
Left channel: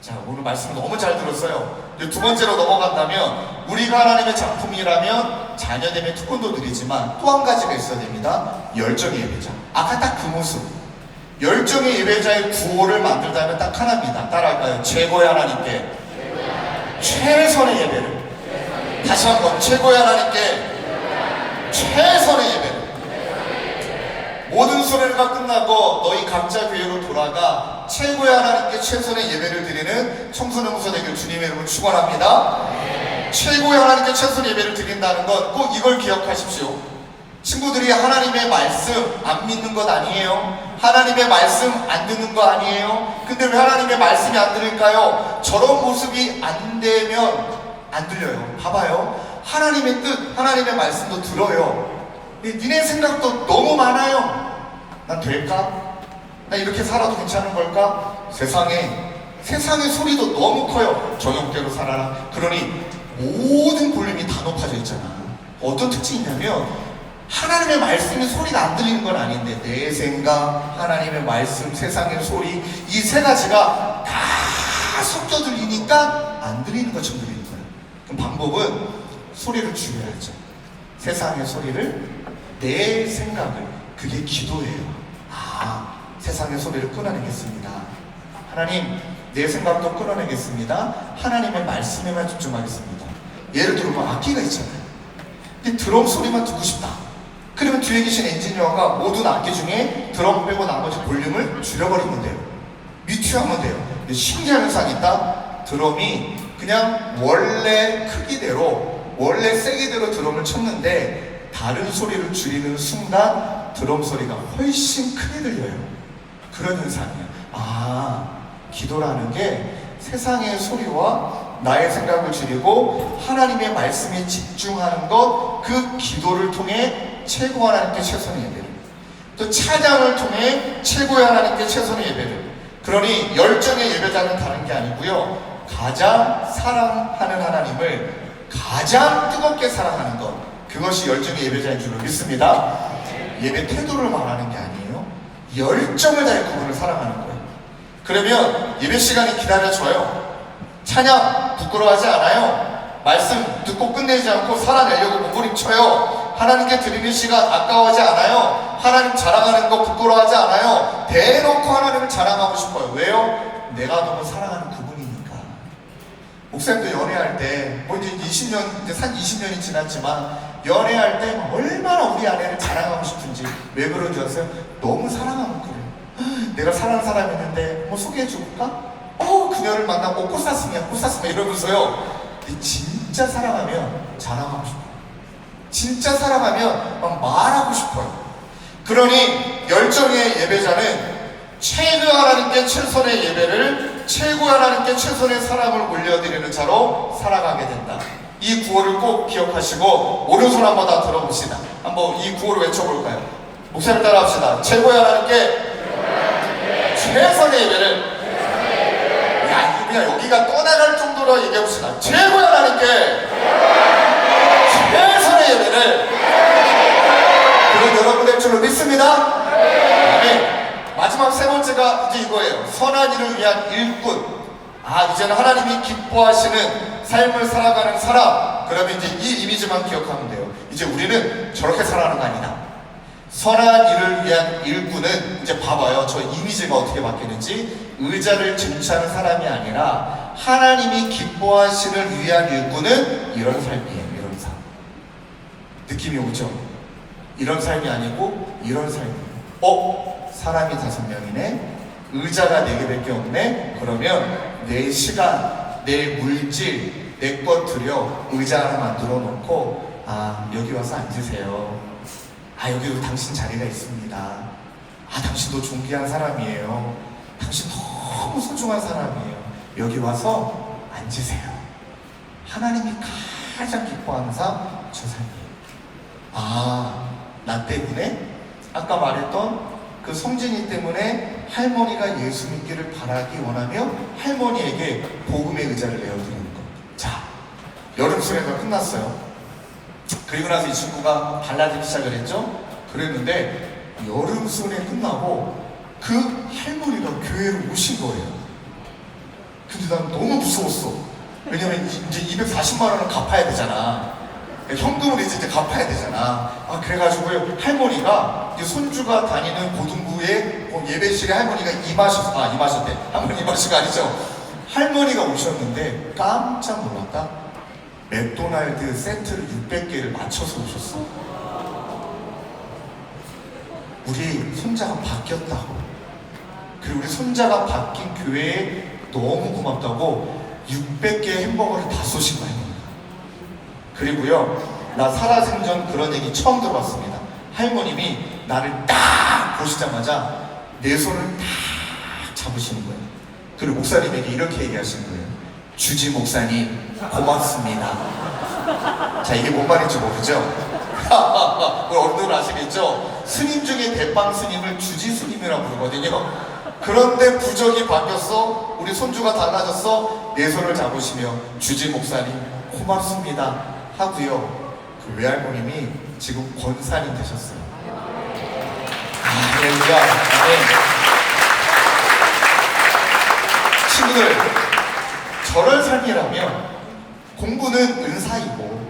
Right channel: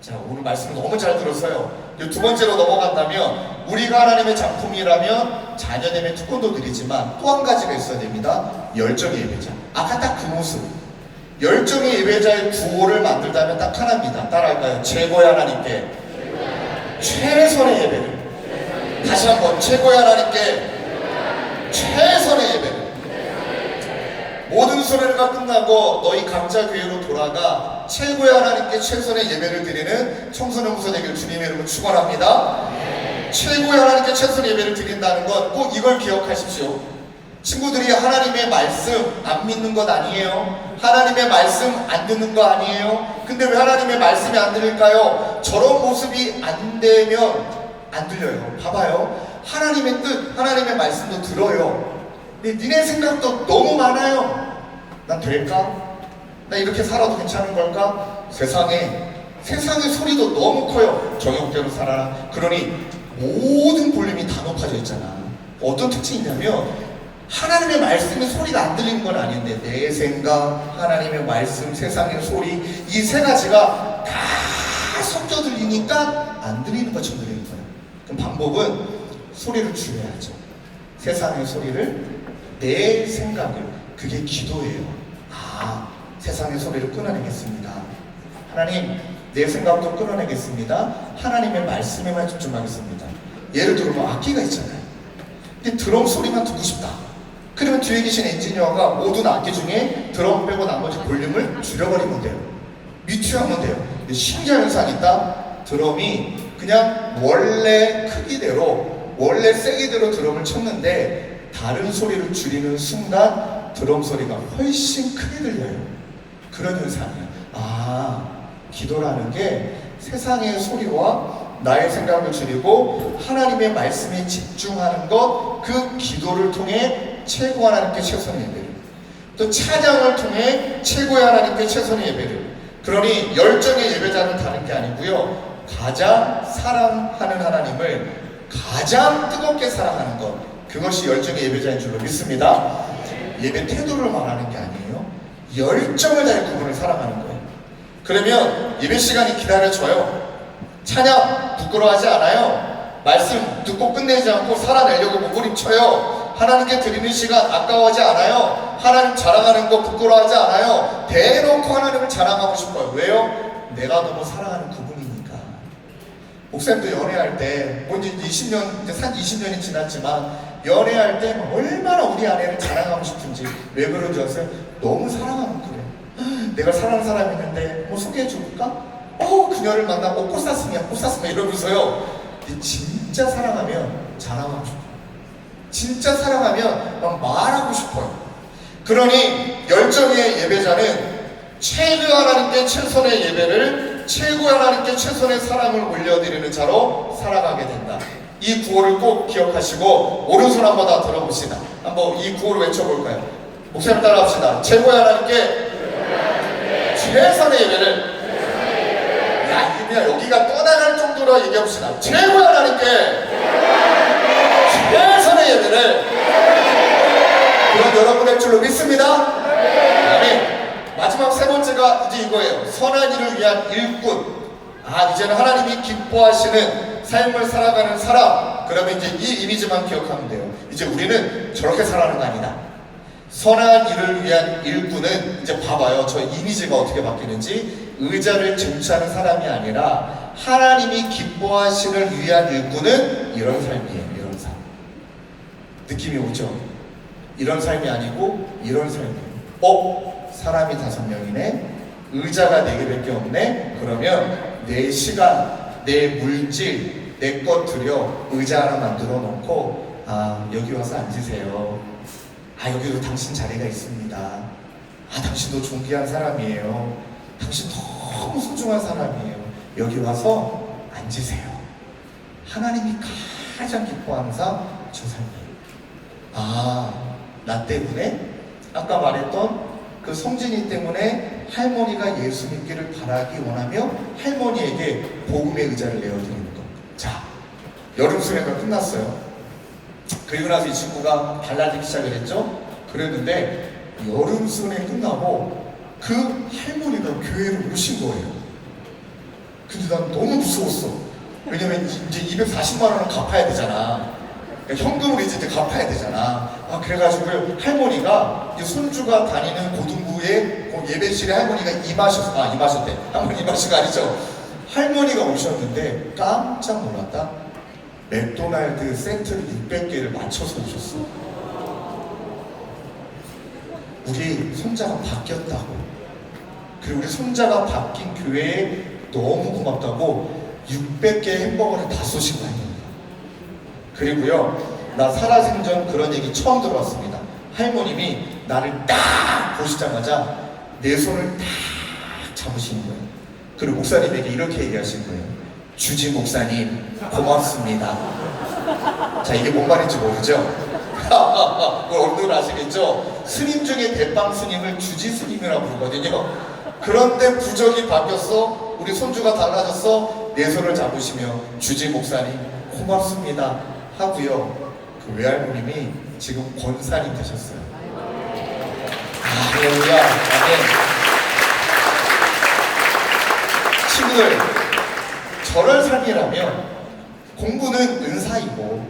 자, 오늘 말씀 너무 잘 들었어요. 두 번째로 넘어간다면 우리가 하나님의 작품이라면 자녀되면 특권도 드리지만 또 한 가지가 있어야 됩니다. 열정의 예배자. 아까 딱 그 모습. 열정의 예배자의 구호를 만들다면 딱 하나입니다. 따라할까요? 최고의 하나님께 최선의 예배를. 다시 한번 최고의 하나님께 최선의 예배를. 모든 소례가 끝나고 너희 각자 교회로 돌아가 최고의 하나님께 최선의 예배를 드리는 청소년부서 되길 주님의 이름으로 축원합니다. 최고의 하나님께 최선의 예배를 드린다는 건 꼭 이걸 기억하십시오. 친구들이 하나님의 말씀 안 믿는 것 아니에요. 하나님의 말씀 안 듣는 거 아니에요. 근데 왜 하나님의 말씀이 안 들릴까요? 저런 모습이 안 되면 안 들려요. 봐봐요. 하나님의 뜻, 하나님의 말씀도 들어요. 니네 생각도 너무 많아요. 난 될까? 나 이렇게 살아도 괜찮은 걸까? 세상의 소리도 너무 커요. 정형대로 살아라. 그러니 모든 볼륨이 다 높아져 있잖아. 어떤 특징이 있냐면 하나님의 말씀의 소리가 안 들리는 건 아닌데 내 생각, 하나님의 말씀, 세상의 소리 이 세 가지가 다 섞여 들리니까 안 들리는 것처럼 들리는 거예요. 그럼 방법은 소리를 줄여야죠. 세상의 소리를, 내 생각을, 그게 기도예요. 세상의 소리를 끊어내겠습니다. 하나님, 내 생각도 끊어내겠습니다. 하나님의 말씀에만 집중하겠습니다. 예를 들면 악기가 있잖아요. 근데 드럼 소리만 듣고 싶다. 그러면 뒤에 계신 엔지니어가 모든 악기 중에 드럼 빼고 나머지 볼륨을 줄여버리면 돼요. 뮤트하면 돼요. 근데 신기한 현상이 있다. 드럼이 그냥 원래 크기대로, 원래 세기대로 드럼을 쳤는데 다른 소리를 줄이는 순간 드럼 소리가 훨씬 크게 들려요. 그런 현상이에요. 기도라는 게 세상의 소리와 나의 생각을 줄이고 하나님의 말씀에 집중하는 것, 그 기도를 통해 최고 하나님께 최선의 예배를, 또 찬양을 통해 최고의 하나님께 최선의 예배를. 그러니 열정의 예배자는 다른 게 아니고요, 가장 사랑하는 하나님을 가장 뜨겁게 사랑하는 것, 그것이 열정의 예배자인 줄로 믿습니다. 예배 태도를 말하는 게 아니에요. 열정을 다해 그분을 사랑하는 거예요. 그러면 예배 시간이 기다려져요. 찬양 부끄러워하지 않아요. 말씀 듣고 끝내지 않고 살아내려고 몸부림쳐요. 하나님께 드리는 시간 아까워하지 않아요. 하나님 자랑하는 거 부끄러워하지 않아요. 대놓고 하나님을 자랑하고 싶어요. 왜요? 내가 너무 사랑하는 그분이니까. 목사님도 연애할 때, 이제 20년, 이제 산 20년이 지났지만, 연애할 때 얼마나 우리 아내를 자랑하고 싶은지. 왜 그런 줄 아세요? 너무 사랑하고 그래요. 내가 사랑하는 사람이 있는데, 소개해줄까? 그녀를 만나고 꽃 샀으면 이러면서요. 진짜 사랑하면 자랑하고 싶어요. 진짜 사랑하면 말하고 싶어요. 그러니 열정의 예배자는 최고 하나님께 최선의 예배를, 최고 하나님께 최선의 사랑을 올려드리는 자로 살아가게 된다. 이 구호를 꼭 기억하시고 오른손 한번 다 들어봅시다. 한번 이 구호를 외쳐볼까요? 목사님 따라합시다. 최고의 하나님께 최선의 예배를, 그냥 여기가 떠나갈 정도로 얘기해봅시다. 최고의 하나님께 최선의 예배를 그런 여러분의 줄로 믿습니다. 아멘. 마지막 세 번째가 이제 이거예요. 선한 일을 위한 일꾼. 이제는 하나님이 기뻐하시는 삶을 살아가는 사람. 그러면 이제 이 이미지만 기억하면 돼요. 이제 우리는 저렇게 살아가는 거 아니다. 선한 일을 위한 일꾼은 이제 봐봐요. 저 이미지가 어떻게 바뀌는지. 의자를 쟁취하는 사람이 아니라 하나님이 기뻐하시는 위한 일꾼은 이런 삶이에요. 이런 삶. 느낌이 오죠? 이런 삶이 아니고 이런 삶이에요. 사람이 5명이네. 의자가 4개밖에 없네. 그러면 내 시간, 내 물질, 내 것 들여 의자 하나 만들어 놓고 여기 와서 앉으세요. 여기도 당신 자리가 있습니다. 당신도 존귀한 사람이에요. 당신 너무 소중한 사람이에요. 여기 와서 앉으세요. 하나님이 가장 기뻐하는 삶, 저 삶이에요. 나 때문에 아까 말했던 그 성진이 때문에 할머니가 예수 믿기를 바라기 원하며 할머니에게 복음의 의자를 내어드리는 것. 자, 여름 수련회가 끝났어요. 그리고 나서 이 친구가 달라지기 시작을 했죠. 그랬는데 여름 수련회 끝나고 그 할머니가 교회로 오신 거예요. 근데 난 너무 무서웠어. 왜냐면 이제 240만 원을 갚아야 되잖아. 현금으로 이제 갚아야 되잖아. 그래가지고 할머니가 손주가 다니는 고등부에 예배실에 할머니가 임하셨대. 할머니 임하신 거 아니죠? 할머니가 오셨는데 깜짝 놀랐다. 맥도날드 세트를 600개를 맞춰서 오셨어. 우리 손자가 바뀌었다고. 그리고 우리 손자가 바뀐 교회에 너무 고맙다고 600개 햄버거를 다 쏘신 거예요. 그리고요, 나 살아생전 그런 얘기 처음 들어봤습니다. 할머님이 나를 딱 보시자마자 내 손을 딱 잡으시는 거예요. 그리고 목사님에게 이렇게 얘기하신 거예요. 주지 목사님 고맙습니다. 자, 이게 뭔 말인지 모르죠? 어른들 아시겠죠? 스님 중에 대빵 스님을 주지 스님이라고 부르거든요. 그런데 부적이 바뀌었어. 우리 손주가 달라졌어. 내 손을 잡으시며 주지 목사님 고맙습니다 하고요. 그 외할머님이 지금 권사님 되셨어요. 할렐루야. 친구들, 저럴 삶이라면 공부는 은사이고,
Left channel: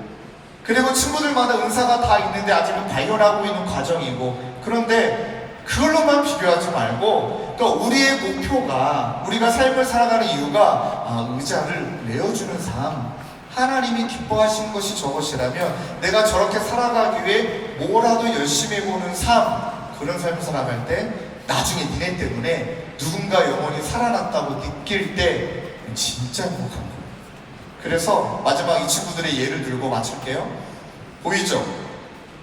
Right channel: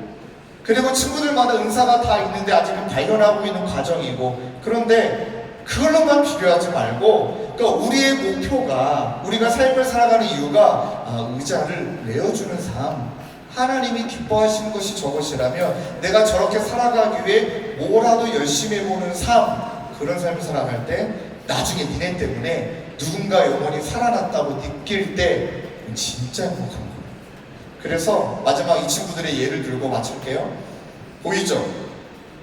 그리고 친구들마다 은사가 다 있는데 아직은 발견하고 있는 과정이고, 그런데 그걸로만 비교하지 말고, 또 우리의 목표가, 우리가 삶을 살아가는 이유가 의자를 내어주는 삶, 하나님이 기뻐하시는 것이 저것이라면 내가 저렇게 살아가기 위해 뭐라도 열심히 해보는 삶, 그런 삶을 살아갈 때 나중에 니네 때문에 누군가 영혼이 살아났다고 느낄 때 진짜 행복한 거예요. 그래서 마지막 이 친구들의 예를 들고 마칠게요. 보이죠?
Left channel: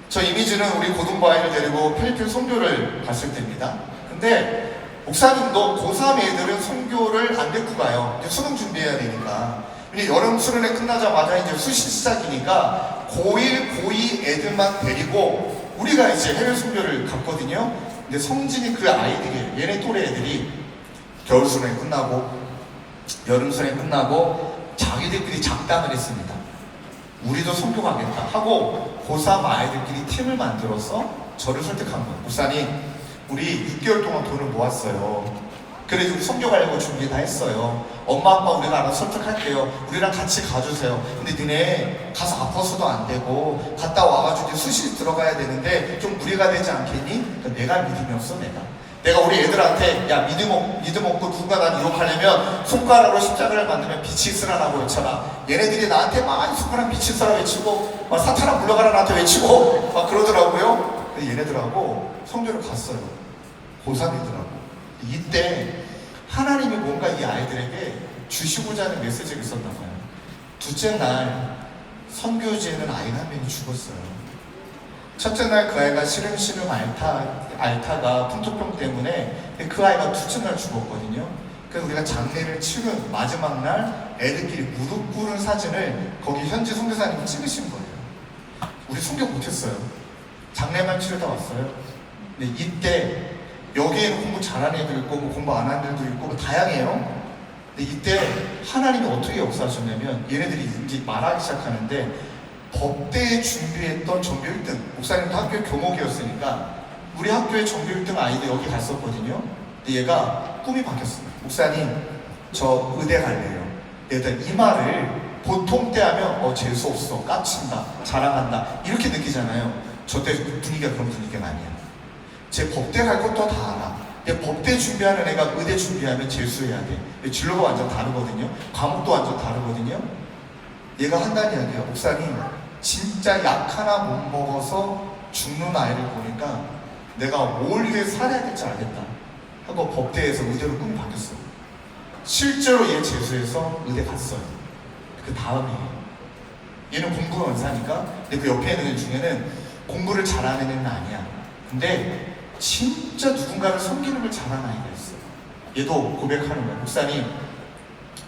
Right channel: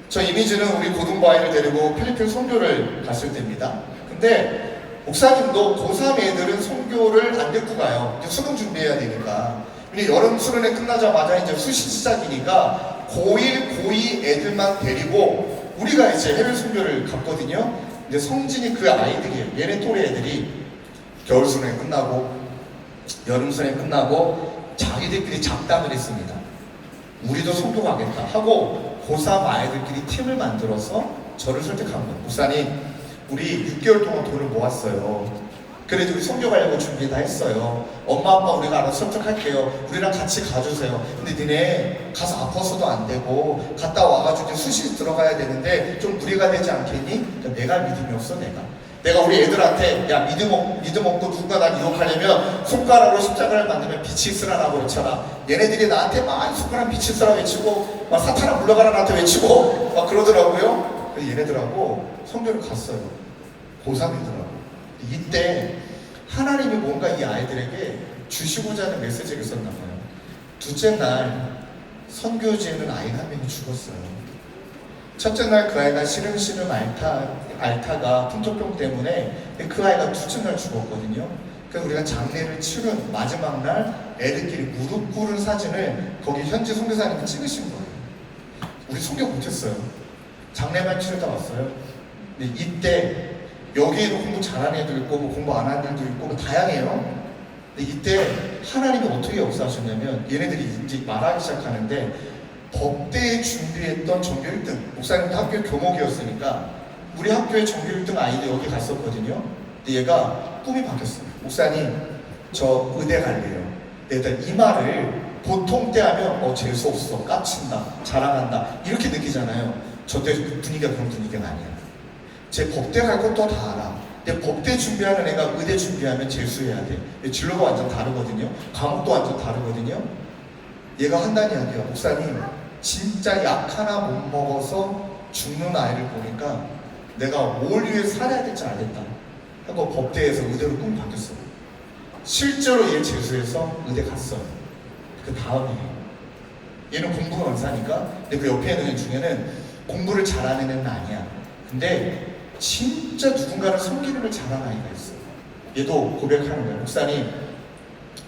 저 이미지는 우리 고등부 아이를 데리고 필리핀 선교를 갔을 때입니다. 근데 목사님도 고3 애들은 선교를 안 데리고 가요. 이제 수능 준비해야 되니까. 근데 여름 수련회 끝나자마자 이제 수시 시작이니까 고1, 고2 애들만 데리고 우리가 이제 해외 선교를 갔거든요. 근데 성진이 그 아이들이, 얘네 또래 애들이 겨울 수련회 끝나고 여름 수련회 끝나고 자기들끼리 작담을 했습니다. 우리도 선교 가겠다 하고 고3 아이들끼리 팀을 만들어서 저를 설득한 거예요. 목사님, 우리 6개월 동안 돈을 모았어요. 그래도 우리 선교 가려고 준비 다 했어요. 엄마 아빠 우리가 알아서 설득할게요. 우리랑 같이 가주세요. 근데 니네 가서 아파서도 안 되고 갔다 와가지고 수시 들어가야 되는데 좀 무리가 되지 않겠니? 그러니까 내가 믿음이 없어. 내가 우리 애들한테 야 믿음 없고 누군가 나를 유혹하려면 손가락으로 십자가를 만들면 빛이 있으라고 외쳐라. 얘네들이 나한테 막 손가락 빛이 있으라 외치고 막 사탄아 물러가라 나한테 외치고 막 그러더라고요. 그래서 얘네들하고 선교를 갔어요. 고3이더라고. 이때 하나님이 뭔가 이 아이들에게 주시고자 하는 메시지를 썼나 봐요. 둘째 날 선교지에는 아이가 한 명이 죽었어요. 첫째 날 그 아이가 시름시름 앓다가 풍토병 때문에 그 아이가 둘째 날 죽었거든요. 그래서 우리가 장례를 치른 마지막 날 애들끼리 무릎 꿇은 사진을 거기 현지 선교사님이 찍으신 거예요. 우리 선교 못했어요. 장례만 치르다 왔어요. 근데 이때 여기에는 공부 잘하는 애들 있고 뭐 공부 안 하는 애들도 있고 뭐 다양해요. 근데 이때 하나님이 어떻게 역사하셨냐면 얘네들이 이제 말하기 시작하는데 법대에 준비했던 전교 1등 목사님도 학교 교목이었으니까 우리 학교에 전교 1등 아이도 여기 갔었거든요. 근데 얘가 꿈이 바뀌었어요. 목사님 저 의대 갈래요. 얘들 이 말을 보통 때 하면 재수 없어, 까친다, 자랑한다 이렇게 느끼잖아요. 저 때 분위기가 그런 분위기가 아니야. 제 법대 갈 것도 다 알아. 근데 법대 준비하는 애가 의대 준비하면 재수해야 돼. 진로가 완전 다르거든요. 과목도 완전 다르거든요. 얘가 한다는 이야기야. 목사님 진짜 약 하나 못 먹어서 죽는 아이를 보니까 내가 뭘 위해 살아야 될지 알겠다 하고 법대에서 의대로 꿈이 바뀌었어요. 실제로 얘 재수해서 의대 갔어요. 그 다음이에요. 얘는 공부가 원사니까. 근데 그 옆에 있는 애 중에는 공부를 잘하는 애는 아니야. 근데 진짜 누군가를 섬기는 걸 잘하는 아이가 있어요. 얘도 고백하는 거예요. 목사님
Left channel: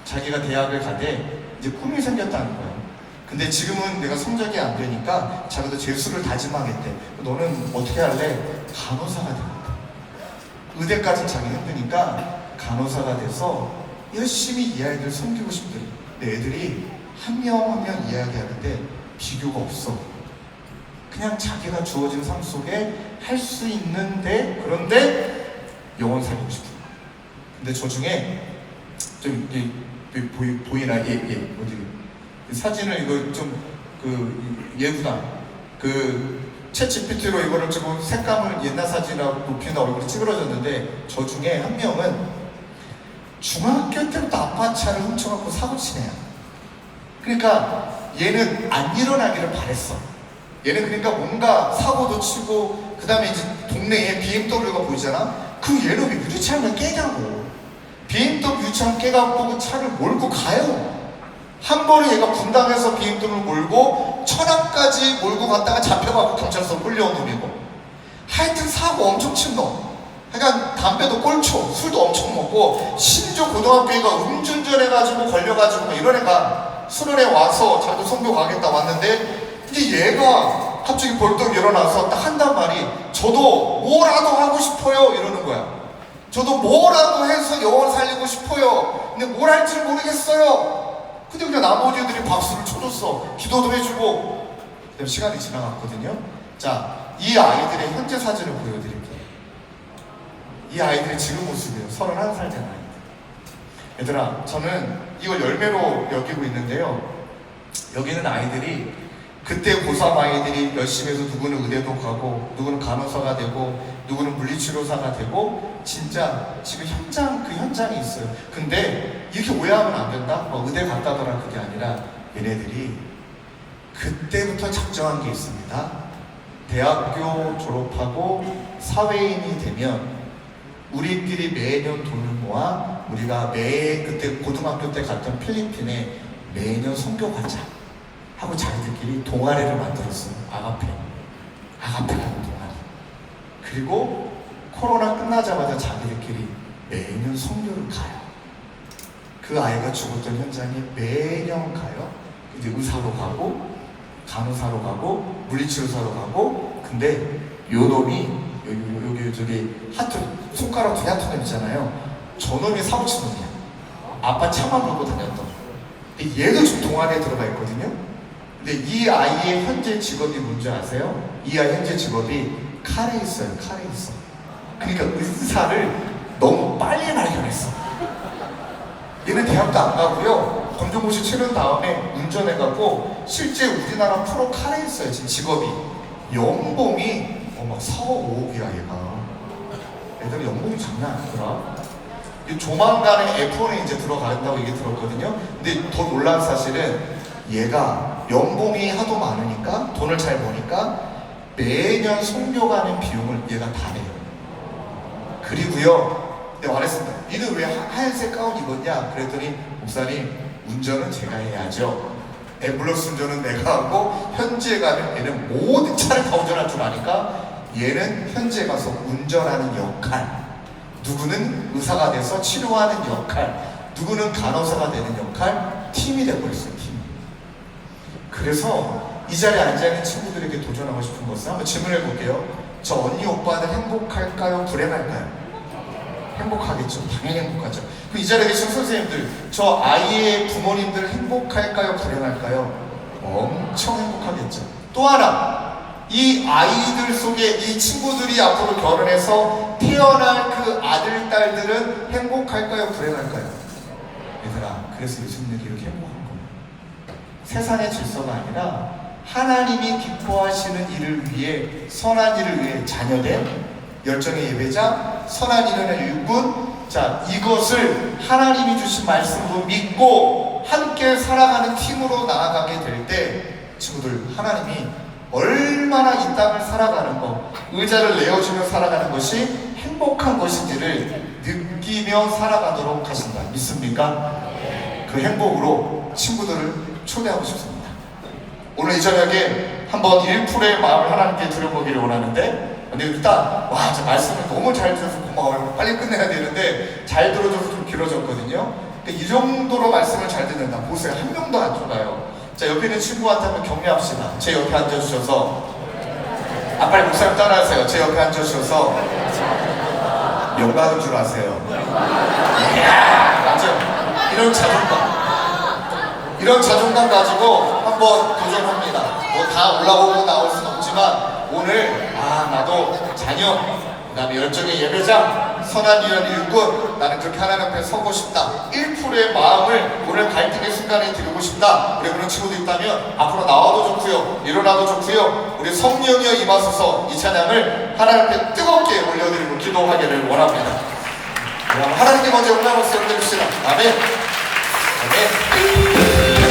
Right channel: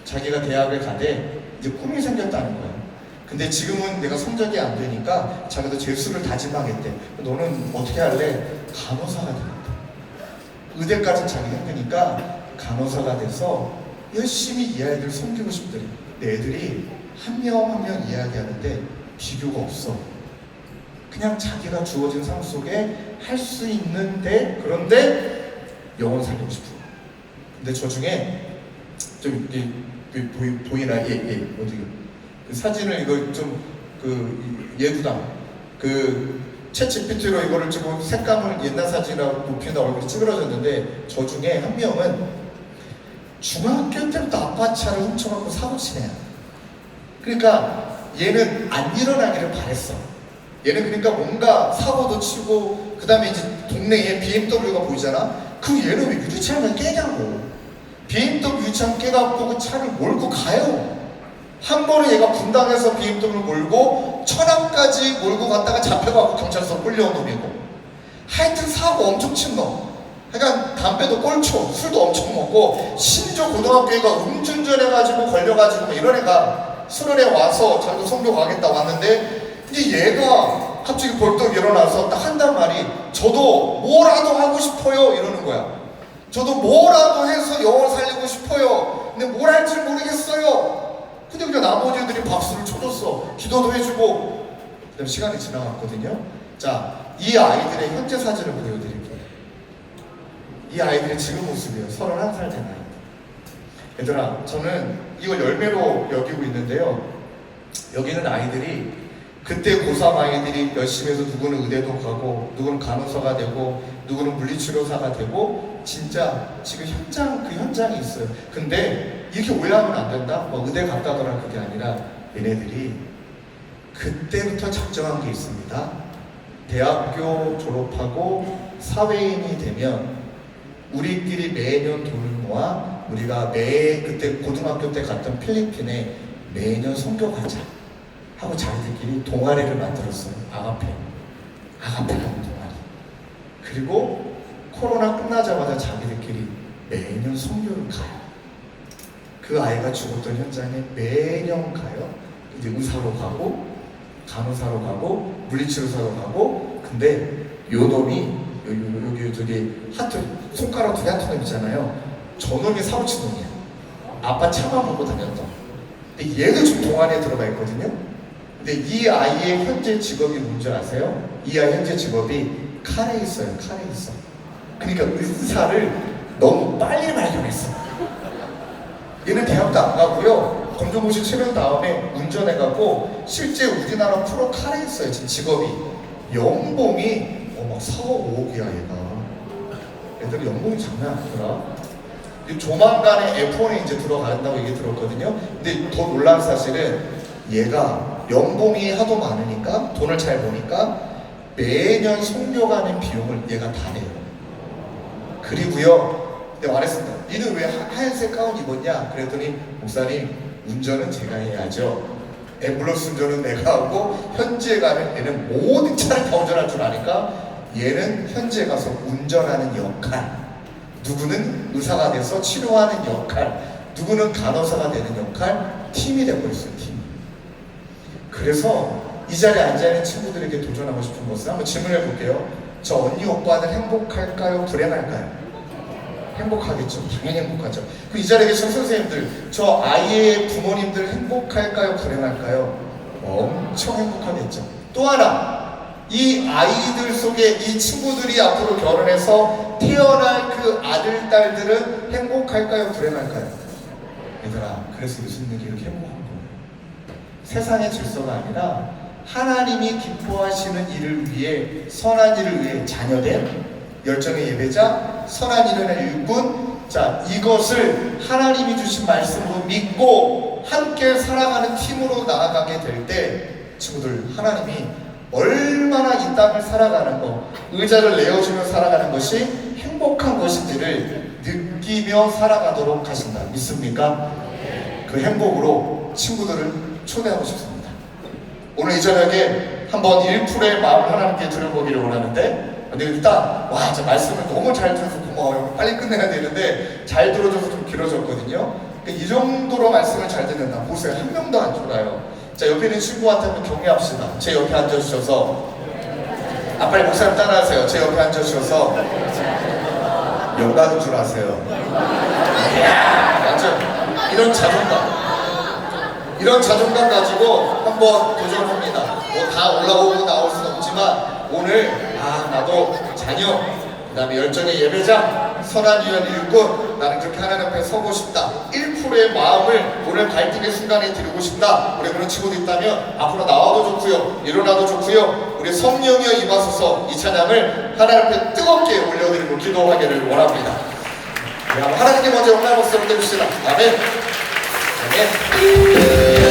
자기가 대학을 가되 이제 꿈이 생겼다는 거예요. 근데 지금은 내가 성적이 안 되니까 자기도 재수를 다짐하겠대. 너는 어떻게 할래? 간호사가 되겠다. 의대까지 자기 힘드니까 간호사가 돼서 열심히 이 아이들 섬기고 싶대. 근데 애들이 한 명 한 명 이야기하는데 비교가 없어. 그냥 자기가 주어진 삶 속에 할 수 있는데, 그런데 영혼 살리고 싶어. 근데 저 중에 좀 보이나? 어디 사진을 이거 좀 예쁘다. 챗GPT로 이거를 찍고 색감을 옛날 사진하고 높이나 얼굴이 찌그러졌는데 저 중에 한 명은 중학교 때부터 아빠 차를 훔쳐갖고 사고 치네요. 그러니까 얘는 안 일어나기를 바랬어. 얘는 그러니까 뭔가 사고도 치고 그 다음에 이제 동네에 BMW가 보이잖아. 그 얘는 왜 유리창을 깨냐고. BMW 유리창 깨갖고 그 차를 몰고 가요. 한 번에 얘가 분당에서 BMW를 몰고 천안까지 몰고 갔다가 잡혀가고 경찰서 끌려온 놈이고, 하여튼 사고 엄청 친 놈. 그러니까 담배도 꼴초, 술도 엄청 먹고, 심지어 고등학교 애가 음주운전 해가지고 걸려가지고 막 이런 애가 수련회 와서 자기도 선교 가겠다 왔는데, 이제 얘가 갑자기 벌떡 일어나서 딱 한단 말이, 저도 뭐라도 하고 싶어요 이러는 거야. 저도 뭐라도 해서 영혼 살리고 싶어요. 근데 뭘 할지 모르겠어요. 근데 그냥 나머지 애들이 박수를 쳐줬어. 기도도 해주고. 그다음 시간이 지나갔거든요. 자, 이 아이들의 현재 사진을 보여드릴게요. 이 아이들의 지금 모습이에요. 31살 된 아이들. 얘들아, 저는 이걸 열매로 여기고 있는데요. 여기는 아이들이 그때 고3 아이들이 열심히 해서 누구는 의대도 가고, 누구는 간호사가 되고, 누구는 물리치료사가 되고, 진짜 지금 그 현장이 있어요. 근데 이렇게 오해하면 안 된다? 뭐 의대 갔다더라 그게 아니라 얘네들이 그때부터 작정한 게 있습니다. 대학교 졸업하고 사회인이 되면 우리끼리 매년 돈을 모아 우리가 그때 고등학교 때 갔던 필리핀에 매년 선교 가자 하고 자기들끼리 동아리를 만들었어요. 아가페라는 동아리. 그리고 코로나 끝나자마자 자기들끼리 매년 선교를 가요. 그 아이가 죽었던 현장에 매년 가요. 이제 의사로 가고, 간호사로 가고, 물리치료사로 가고. 근데 요 놈이 여기 저기 하트 손가락 두 개 하트가 있잖아요. 저 놈이 사고친 놈이야. 아빠 차만 보고 다녔던. 근데 얘도 지금 동아리에 들어가 있거든요. 근데 이 아이의 현재 직업이 뭔지 아세요? 이 아이 현재 직업이 칼에 있어요. 칼에 있어. 그러니까 의사를 너무 빨리 발견했어. 얘는 대학도 안 가고요. 검정고시 치른 다음에 운전해가고 실제 우리나라 프로 칼에 있어요. 지금 직업이. 연봉이 막 4억 5억이야 얘가. 애들 연봉이 장난 아니더라. 조만간에 F1에 이제 들어간다고 얘기 들었거든요. 근데 더 놀란 사실은 얘가 연봉이 하도 많으니까, 돈을 잘 버니까 매년 선교 가는 비용을 얘가 다 내요. 그리고요, 내가 말했습니다. 니는 왜 하얀색 가운 입었냐? 그랬더니 목사님, 운전은 제가 해야죠. 앰뷸런스 운전은 내가 하고, 현지에 가면 얘는 모든 차를 다 운전할 줄 아니까 얘는 현지에 가서 운전하는 역할, 누구는 의사가 돼서 치료하는 역할, 누구는 간호사가 되는 역할, 팀이 되어버렸어요. 팀. 그래서 이 자리에 앉아있는 친구들에게 도전하고 싶은 것은 한번 질문해 볼게요. 저 언니 오빠는 행복할까요? 불행할까요? 행복하겠죠. 당연히 행복하죠. 그 이 자리에 계신 선생님들, 저 아이의 부모님들 행복할까요? 불행할까요? 엄청 행복하겠죠. 또 하나, 이 아이들 속에 이 친구들이 앞으로 결혼해서 태어날 그 아들, 딸들은 행복할까요? 불행할까요? 얘들아, 그래서 예수님들이 이렇게 행복한 거예요. 세상의 질서가 아니라 하나님이 기뻐하시는 일을 위해, 선한 일을 위해 자녀된 열정의 예배자, 선한 일을 일꾼, 자, 이것을 하나님이 주신 말씀으로 믿고 함께 살아가는 팀으로 나아가게 될 때, 친구들, 하나님이 얼마나 이 땅을 살아가는 것, 의자를 내어주며 살아가는 것이 행복한 것인지를 느끼며 살아가도록 하신다. 믿습니까? 그 행복으로 친구들을 초대하고 싶습니다. 오늘 이 저녁에 한번 1%의 마음을 하나님께 드려보기를 원하는데, 근데 일단 와, 저 말씀을 너무 잘 들어서 고마워요. 빨리 끝내야 되는데 잘 들어줘서 좀 길어졌거든요. 이 정도로 말씀을 잘 듣는다. 보세요. 한 명도 안 졸아요. 자, 옆에 있는 친구한테 한번 격려합시다. 제 옆에 앉아주셔서, 아, 빨리 목사님 따라하세요. 제 옆에 앉아주셔서 영광인 줄 아세요. 이야, 맞아요. 이런 자존감 가지고 한번 도전합니다. 뭐 다 올라오고 나올 수는 없지만 오늘 나도 자녀, 그 다음에 열정의 예배자, 선한 이런 일꾼, 나는 그렇게 하나님 앞에 서고 싶다. 1%의 마음을 오늘 갈등의 순간에 드리고 싶다. 우리 그런 친구도 있다면 앞으로 나와도 좋고요, 일어나도 좋고요, 우리 성령이여 임하소서 이 찬양을 하나님 앞에 뜨겁게 올려드리고 기도하기를 원합니다. 하나님께 먼저 영광을 올려주시라. 아멘. 아멘.